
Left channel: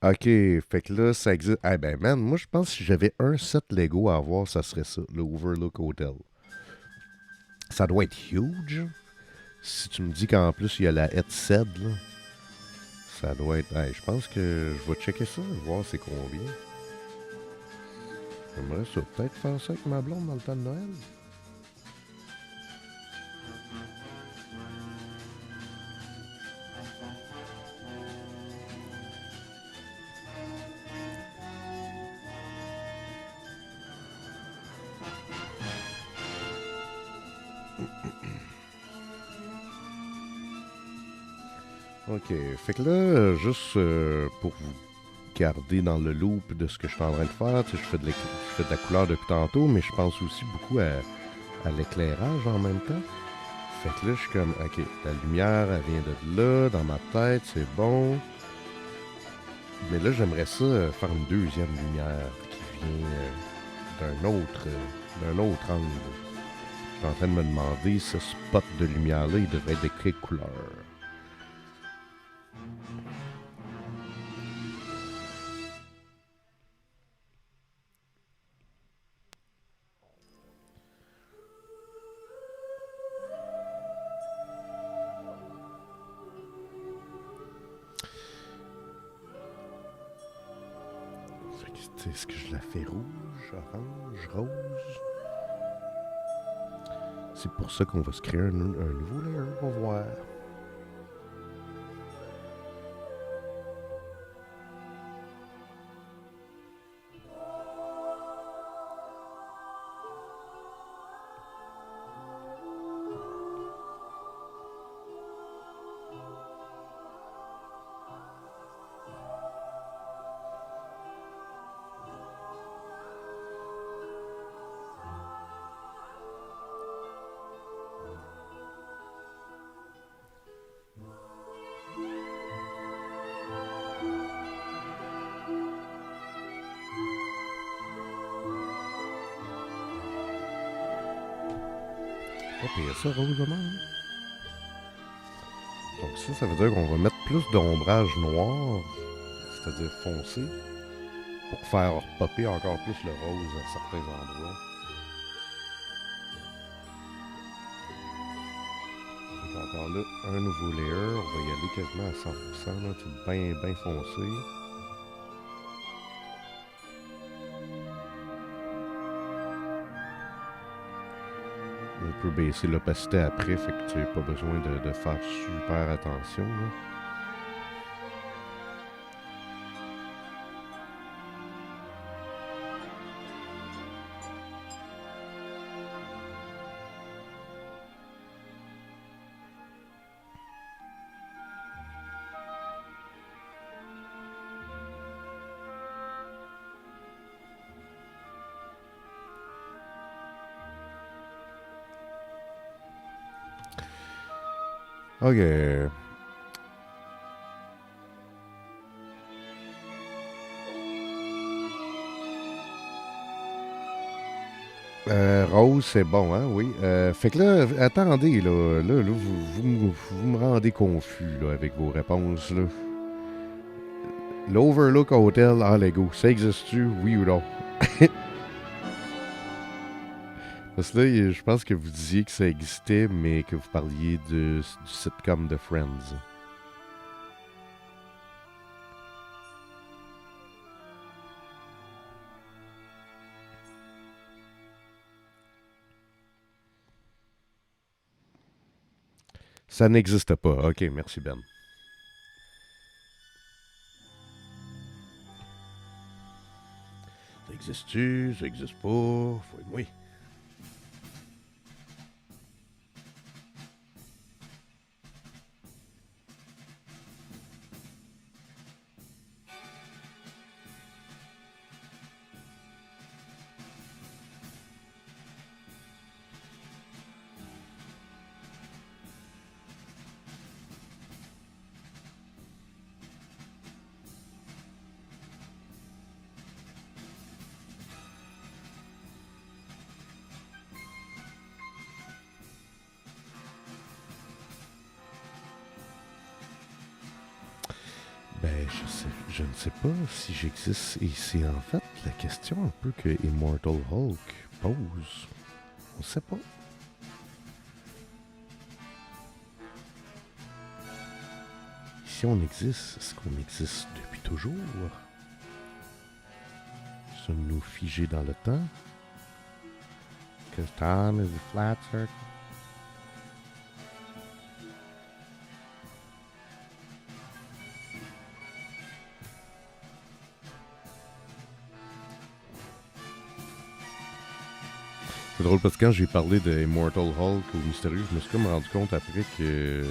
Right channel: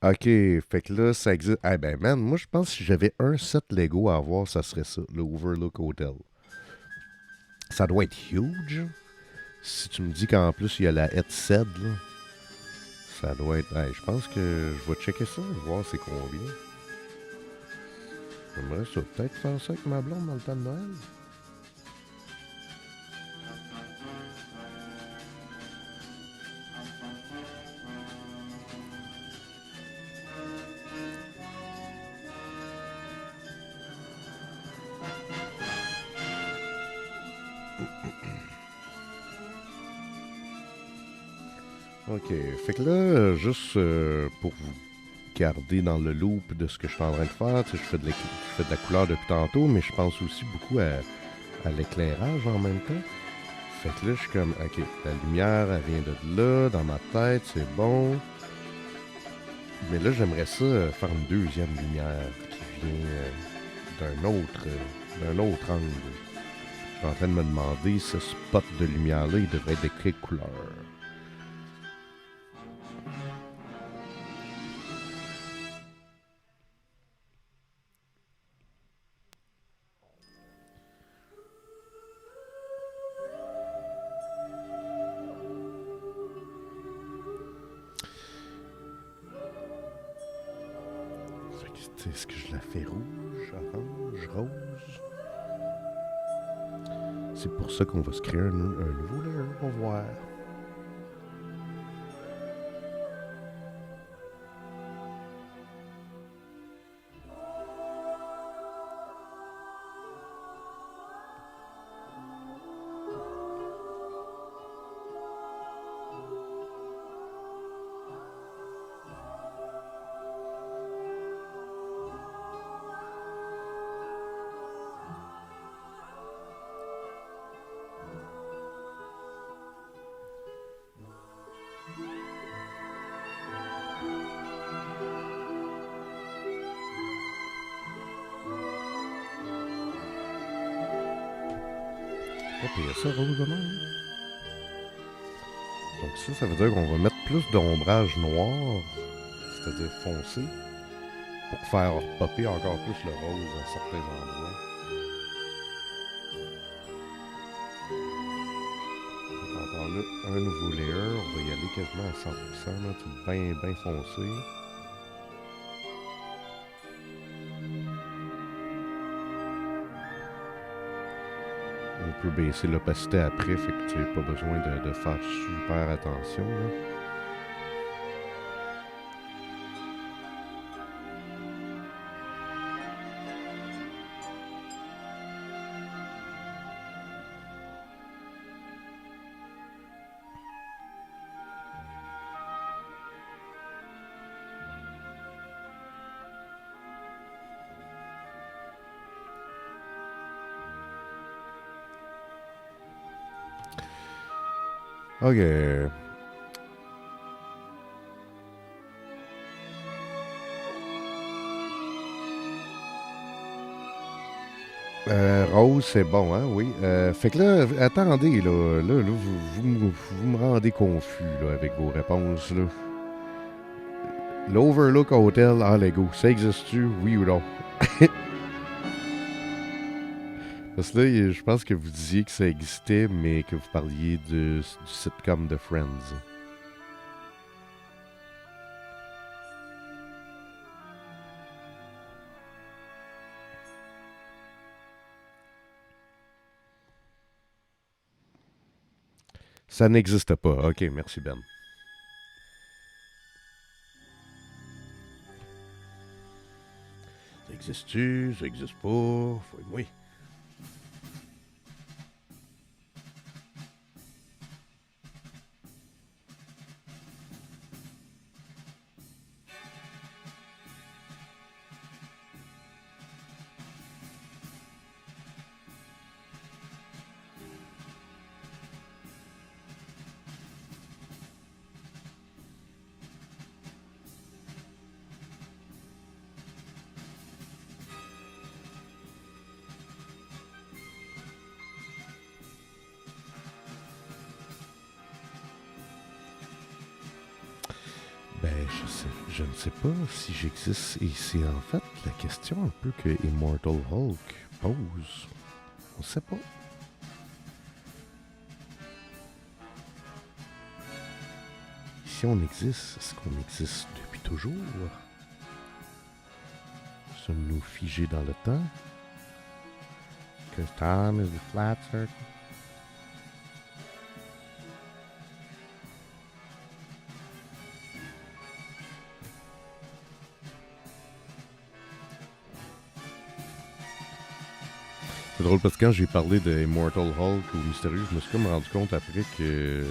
Ok, fait que là, ça existe. Eh ben, man, moi, je pense que si j'avais un set Lego à avoir, ça serait ça, le Overlook Hotel. Ça doit être huge. Si tu me dis qu'en plus, il y a la headset, là, ça doit être... Hey, je pense que je vais checker ça, voir c'est combien. J'aimerais ça peut-être faire ça avec ma blonde dans le temps de Noël. Ok, fait que là, juste pour vous garder dans le loop de ce que je suis en train de faire, tu sais, je fais de la couleur depuis tantôt, mais je pense aussi beaucoup à l'éclairage en même temps. Fait que là, je suis comme, ok, la lumière, elle vient de là, dans ma tête, c'est bon. Mais là, j'aimerais ça faire une deuxième lumière qui vient d'un autre angle. Je suis en train de me demander, ce spot de lumière-là, il devrait être de quelle couleur? Est-ce que je la fais rouge, orange, rose? C'est pour ça qu'on va se créer un nouveau layer, on va voir. Pas pire ça, rose même. Donc ça veut dire qu'on va mettre plus d'ombrage noir, c'est-à-dire foncé, pour faire popper encore plus le rose à certains endroits. Donc encore là, un nouveau layer, on va y aller quasiment à 100%, là, tout bien foncé. On peut baisser l'opacité après, fait que tu n'as pas besoin de faire super attention. Là. Ok. Rose, c'est bon, hein, oui. Fait que là, attendez, là vous me rendez confus là, avec vos réponses. Là. L'Overlook Hotel en Lego, ça existe-tu, oui ou non? Parce que là, je pense que vous disiez que ça existait, mais que vous parliez du sitcom de Friends. Ça n'existe pas. Ok, merci Ben. Ça existe-tu? Ça existe pas? Faut... Oui. Ben, je ne sais pas si j'existe. Et c'est en fait la question un peu que Immortal Hulk pose. On sait pas. Si on existe, est-ce qu'on existe depuis toujours? Sommes-nous figés dans le temps? Because time is a flat circle. C'est drôle parce que quand j'ai parlé de Immortal Hulk ou Mystérieux, je me suis comme rendu compte après que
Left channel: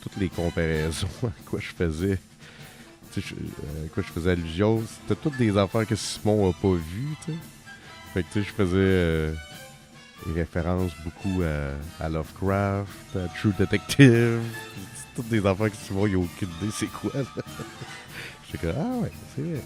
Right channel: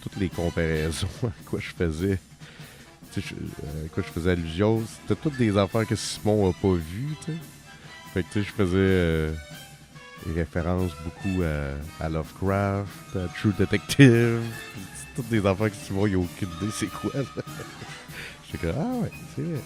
toutes les comparaisons à quoi je faisais, à quoi je faisais allusion, c'était toutes des affaires que Simon a pas vues, tu sais. Fait que tu sais, je faisais des références beaucoup à Lovecraft, à True Detective. C'est toutes des affaires que Simon il a aucune idée c'est quoi. J'étais comme ah ouais, c'est vrai.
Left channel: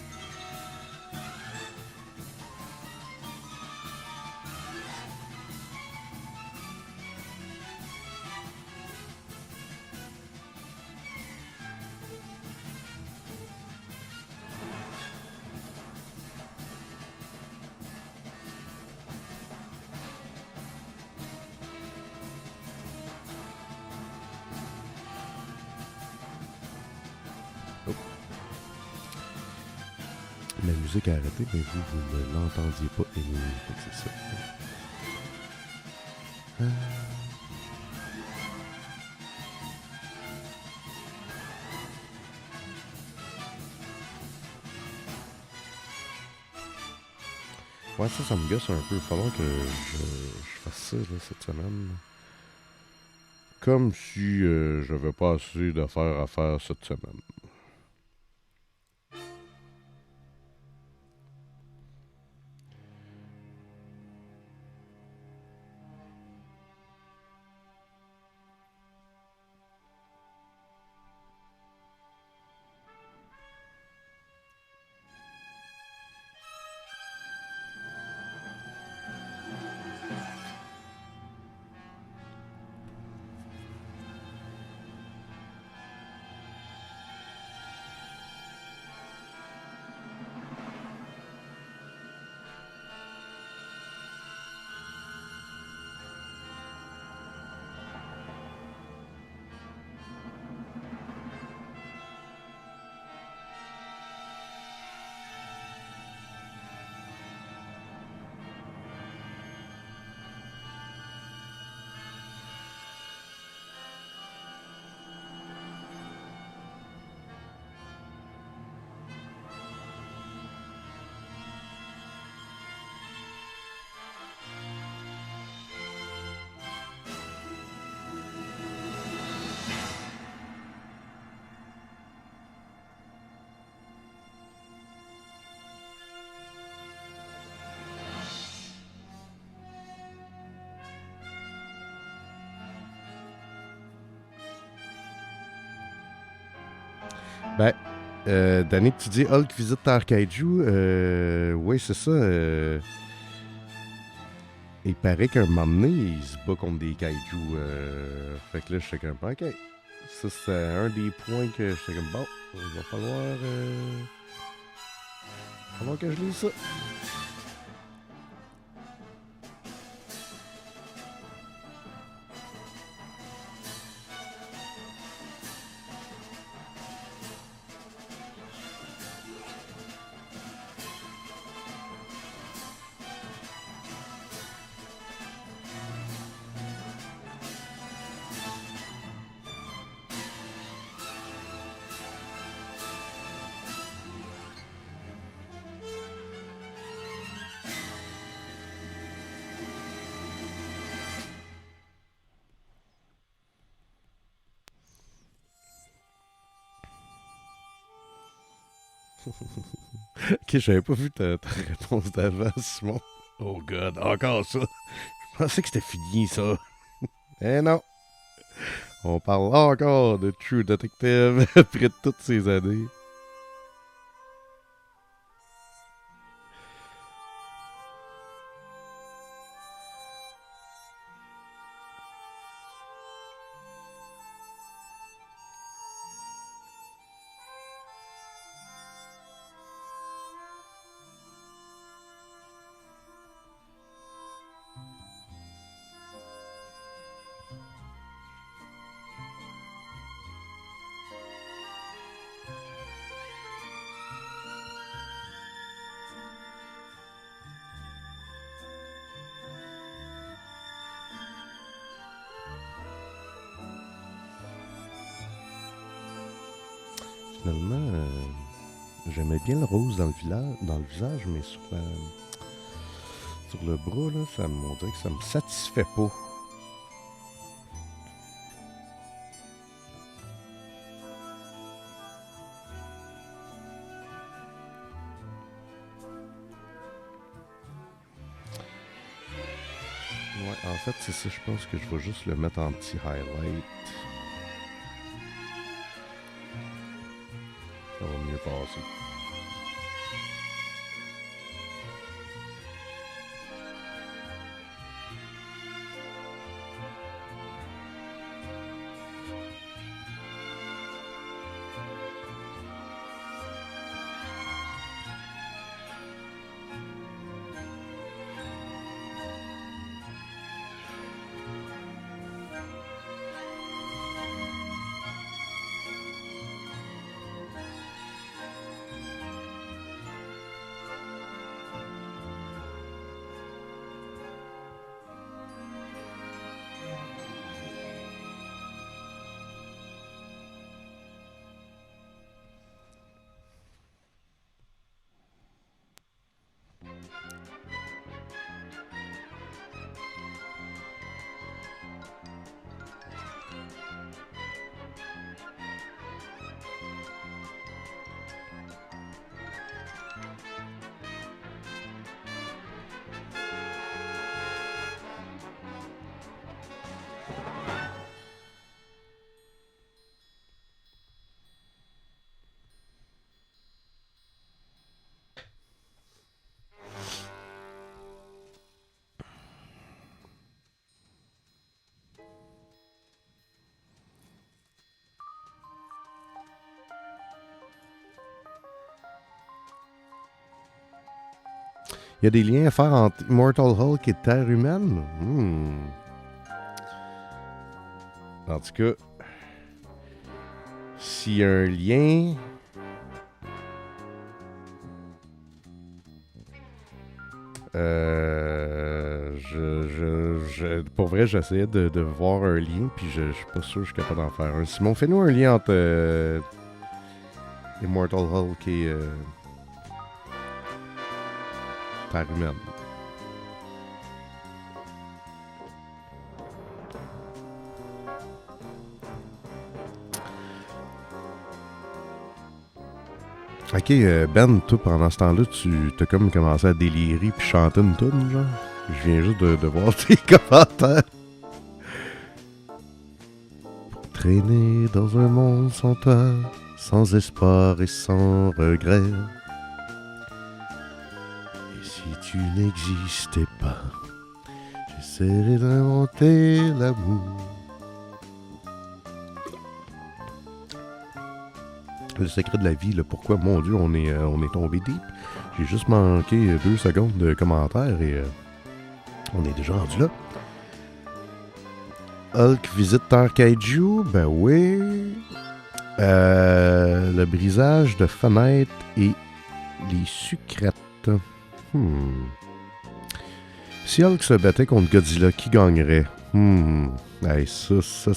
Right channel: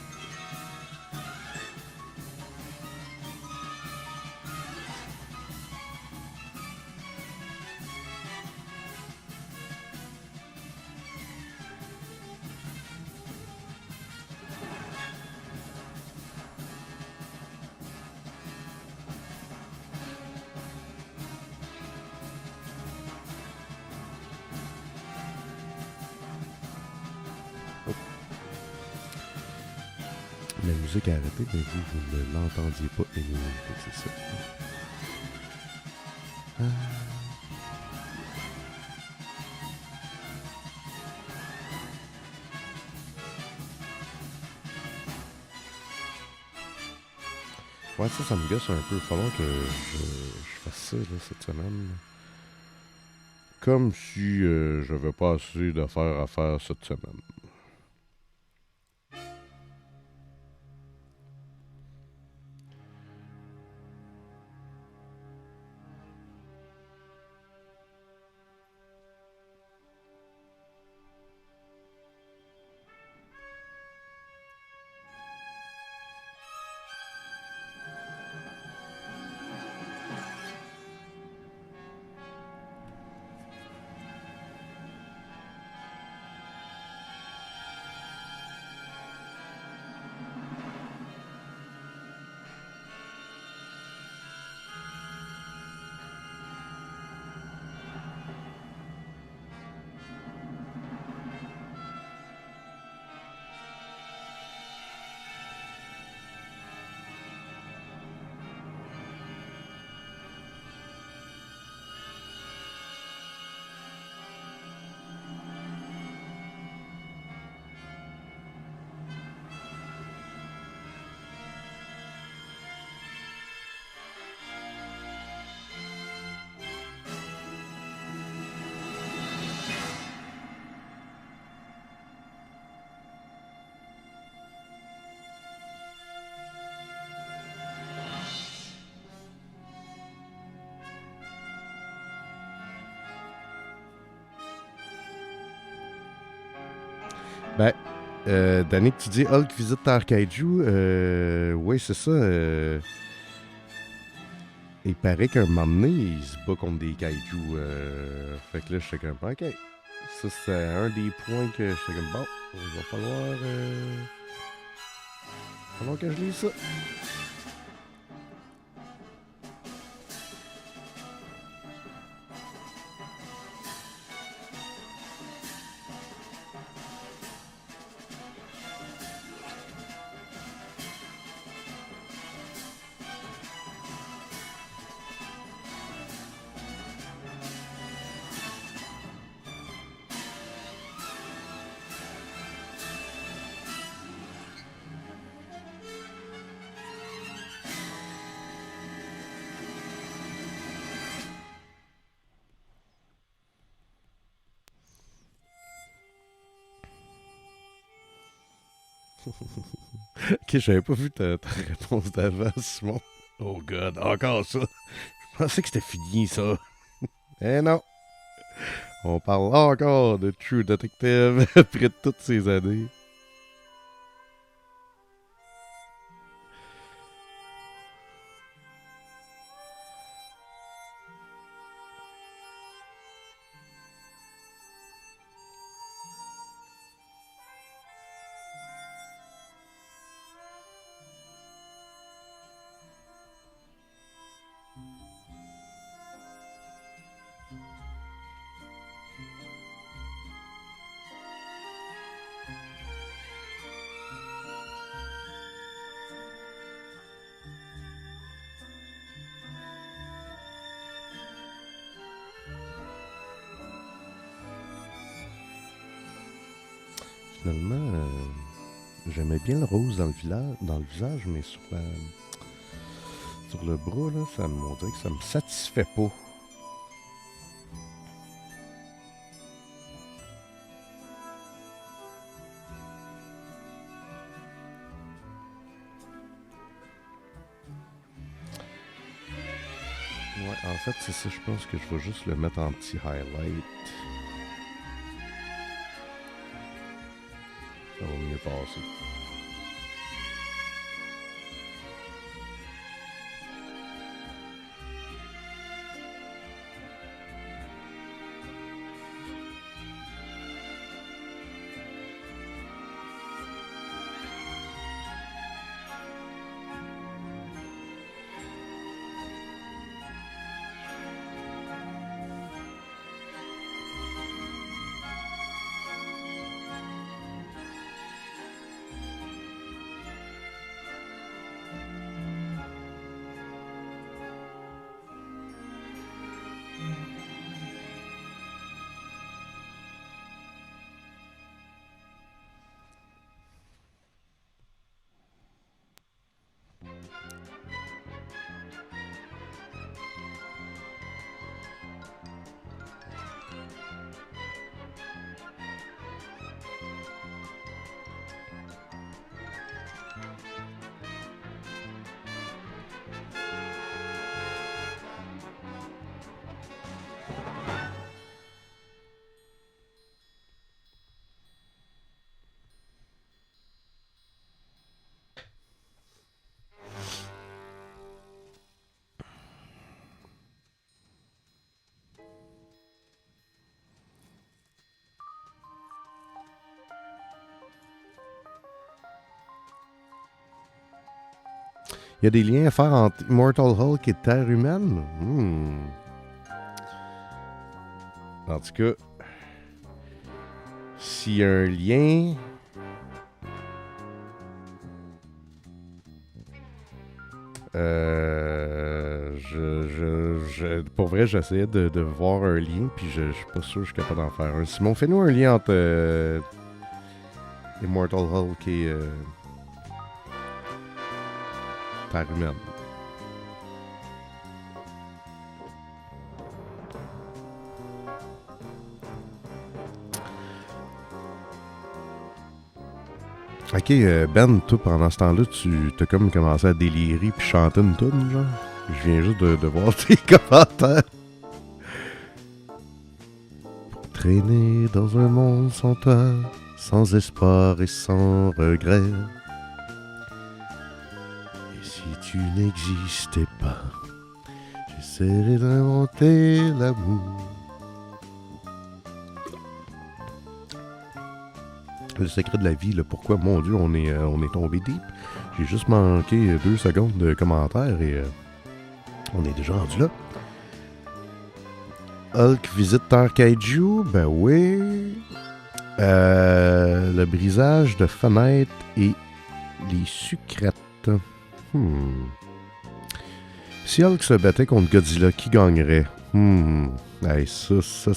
Oh. La musique a arrêté, mais vous ne l'entendiez pas et c'est ça. Ouais, ça me gosse un peu. Il va falloir que je fasse ça là, cette semaine. Comme si j'avais pas assez d'affaires à faire cette semaine. Ben, Danick, tu dis Hulk visite Terre Kaiju. Oui, c'est ça. Il paraît qu'un moment donné, il se bat contre des kaiju. Fait que là, je suis comme, ok, ça, c'est un des points que j'étais comme, bon, il va falloir que je lise ça. Ok, j'avais pas vu ta réponse d'avant, Simon. Oh god, encore ça. Je pensais que c'était fini, ça. Eh non. On parle encore de True Detective après toutes ces années. Finalement, j'aimais bien le rose dans le visage, mais sur le bras, là, on dirait que ça me satisfait pas. Ouais, en fait, c'est ça, je pense que je vais juste le mettre en petit highlight. Ça va mieux passer. Il y a des liens à faire entre Immortal Hulk et Terre humaine? En tout cas, s'il y a un lien... pour vrai, j'essayais de voir un lien, puis je suis pas sûr que je suis capable d'en faire un. Simon, fais-nous un lien entre Immortal Hulk et Terre humaine. Ok, Ben, toi, pendant ce temps-là, tu t'as comme commencé à délirer puis chanter une toune, genre. Je viens juste de voir tes commentaires. Traîner dans un monde sans toi, sans espoir et sans regret. Et si tu n'existais pas, j'essaierais d'inventer l'amour. Le secret de la vie, là, pourquoi, mon Dieu, on est tombé deep. J'ai juste manqué 2 secondes de commentaires et on est déjà rendu là. Hulk visite Terre Kaiju, ben oui. Le brisage de fenêtres et les sucrètes. Si Hulk se battait contre Godzilla, qui gagnerait? Hey, ça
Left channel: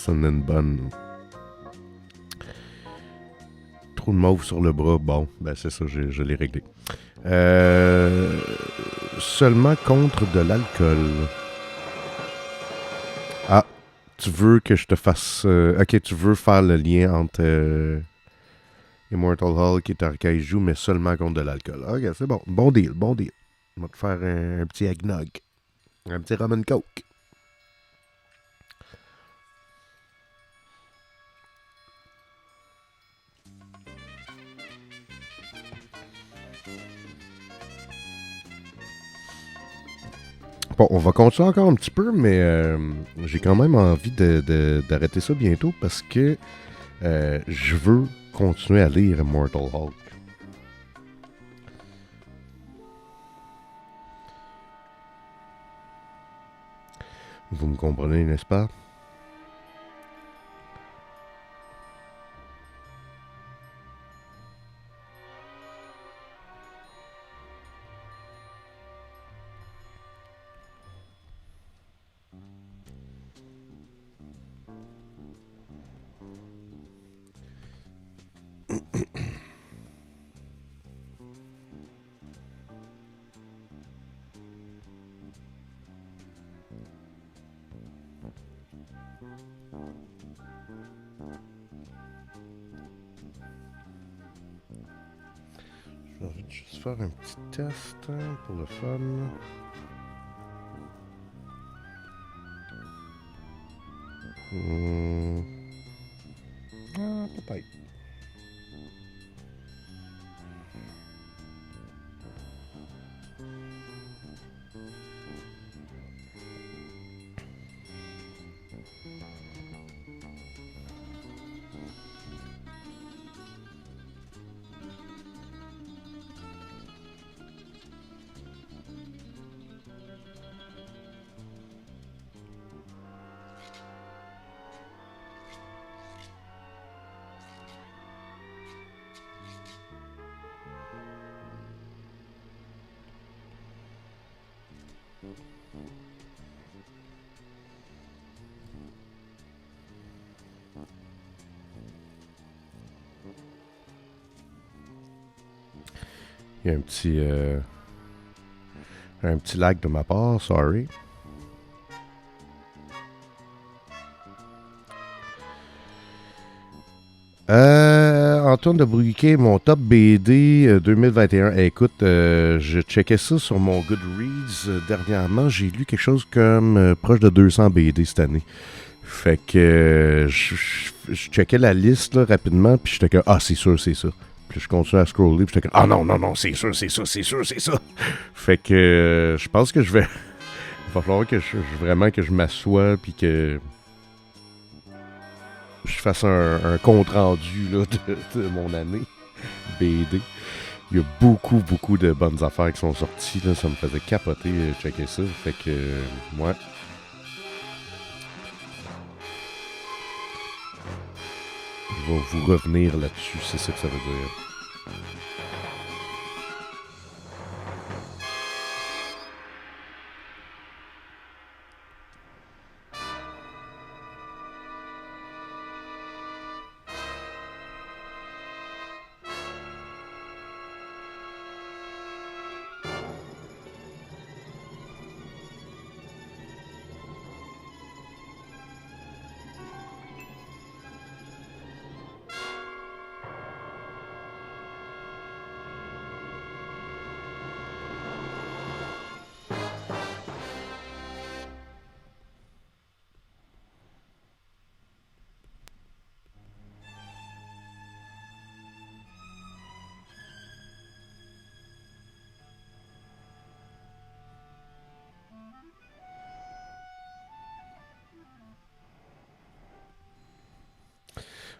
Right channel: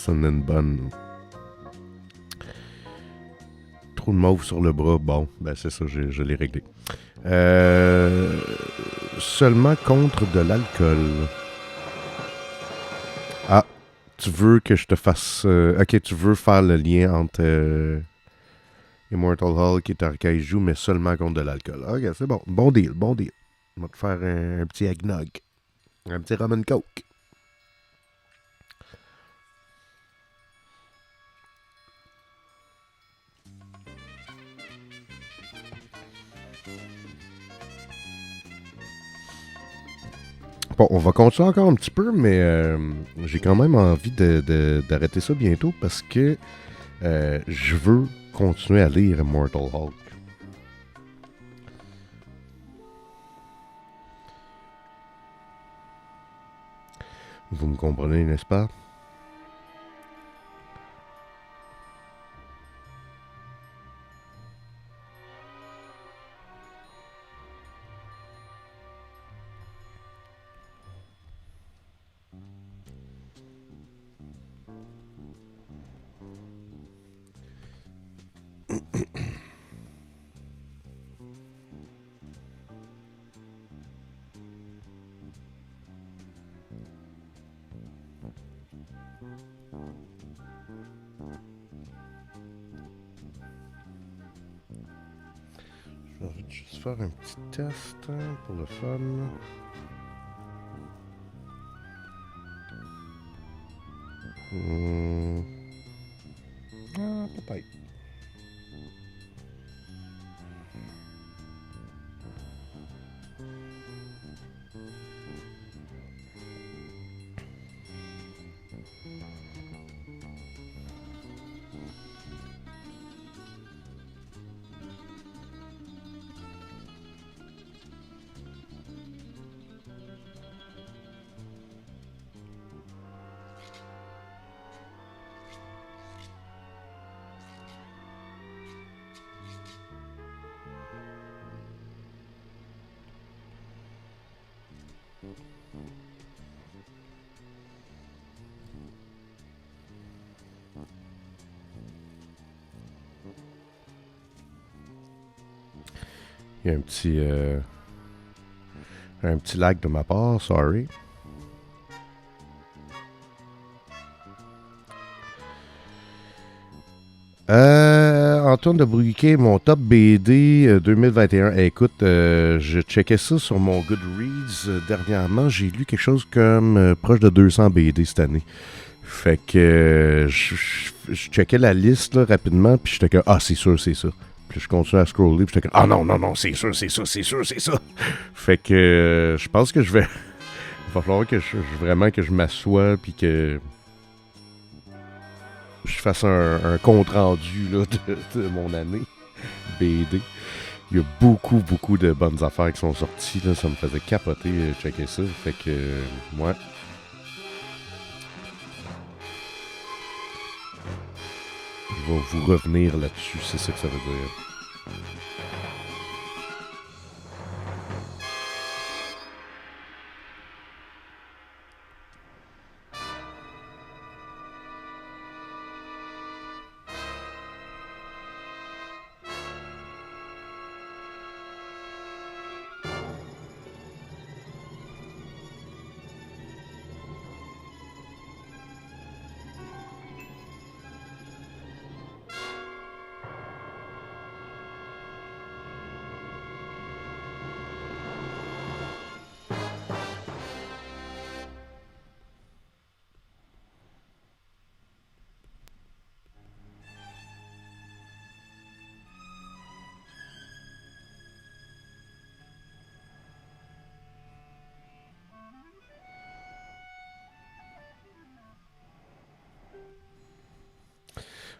en est une bonne. Trop de mauve sur le bras. Bon, ben c'est ça, je l'ai réglé. Seulement contre de l'alcool. Ah, tu veux que je te fasse... ok, tu veux faire le lien entre Immortal Hulk et Terre Kaiju, mais seulement contre de l'alcool. Ok, c'est bon. Bon deal, bon deal. On va te faire un petit eggnog. Un petit rum and coke. Bon, on va continuer encore un petit peu, mais j'ai quand même envie d'arrêter ça bientôt parce que je veux continuer à lire Immortal Hulk. Vous me comprenez, n'est-ce pas? Je vais juste faire un petit test pour le fun. Ah, peut-être. Il y a un petit lag de ma part, sorry. Antoine de Bruguier, mon top BD 2021. Écoute, je checkais ça sur mon Goodreads dernièrement. J'ai lu quelque chose comme proche de 200 BD cette année. Fait que je checkais la liste là, rapidement, puis j'étais comme, ah, c'est sûr, c'est ça. Puis je continue à scroller, puis j'étais comme, ah non, c'est sûr, c'est ça, c'est sûr, c'est ça. Fait que je pense que je vais... Il va falloir que vraiment que je m'assoie, puis que je fasse un compte rendu là, de mon année BD. Il y a beaucoup, beaucoup de bonnes affaires qui sont sorties. Là. Ça me faisait capoter checker ça. Fait que, ouais. Je vais vous revenir là-dessus. C'est ça que ça veut dire.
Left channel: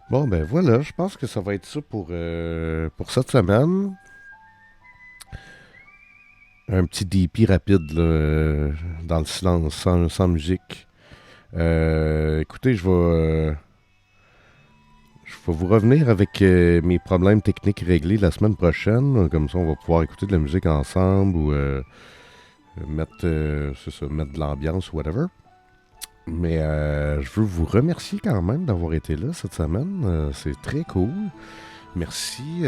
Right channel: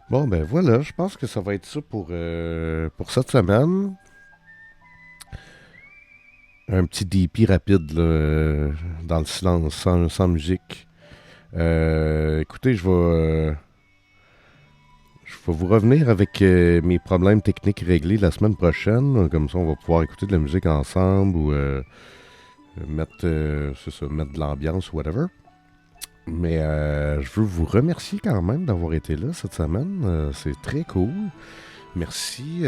Bon, ben voilà, je pense que ça va être ça pour cette semaine. Un petit DP rapide là, dans le silence, sans musique. Écoutez, je vais vous revenir avec mes problèmes techniques réglés la semaine prochaine. Comme ça, on va pouvoir écouter de la musique ensemble ou mettre de l'ambiance ou whatever. Mais je veux vous remercier quand même d'avoir été là cette semaine. C'est très cool. Merci.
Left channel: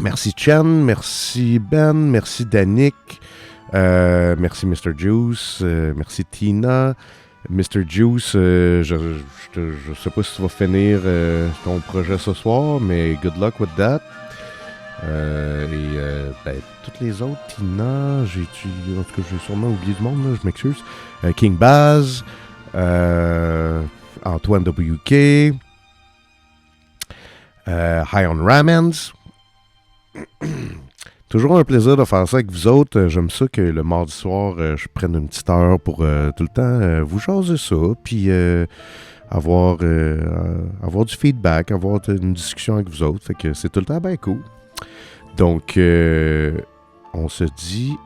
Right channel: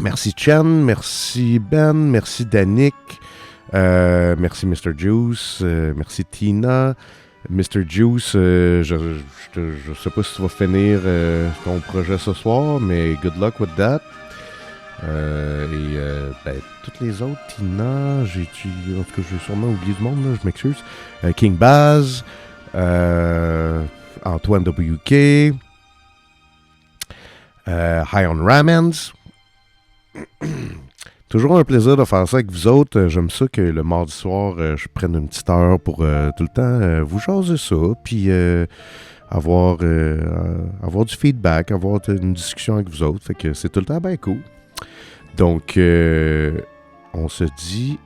Merci Chen, merci Ben, merci Danick, merci Mr. Juice, merci Tina. Mr. Juice, je sais pas si tu vas finir ton projet ce soir, mais good luck with that. Toutes les autres, Tina, en tout cas, j'ai sûrement oublié du monde, là, je m'excuse. King Baz, Antoine WK, High on Ramens. Toujours un plaisir de faire ça avec vous autres. J'aime ça que le mardi soir, je prenne une petite heure pour tout le temps vous jaser ça, puis avoir du feedback, avoir une discussion avec vous autres. Fait que c'est tout le temps bien cool. Donc, on se dit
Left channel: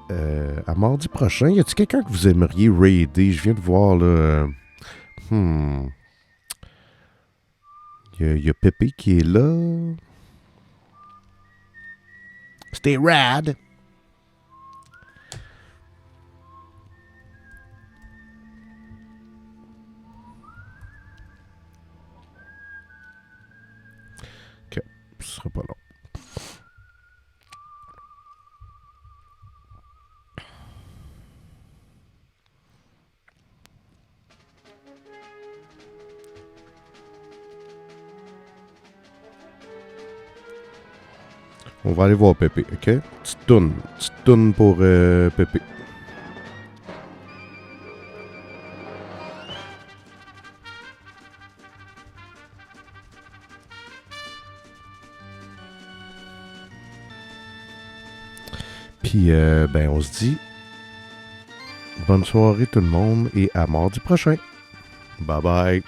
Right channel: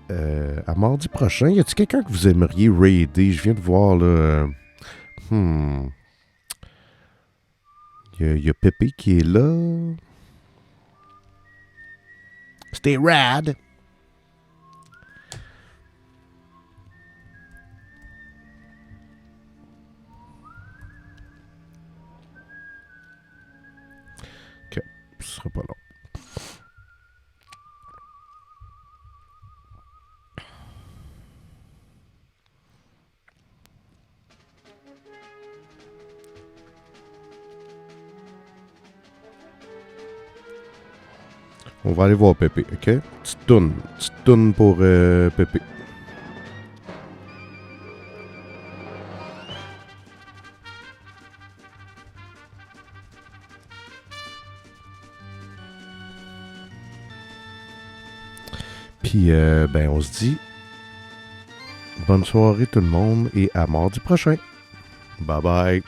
à mardi prochain. Y a-t-il quelqu'un que vous aimeriez raider? Je viens de voir, là... y a Pépé qui est là. Stay rad! Ok, ce sera pas long. On va aller voir Pépé, ok? Petite toune pour Pépé. Puis, on se dit bonne soirée tout le monde et à mardi prochain. Bye bye.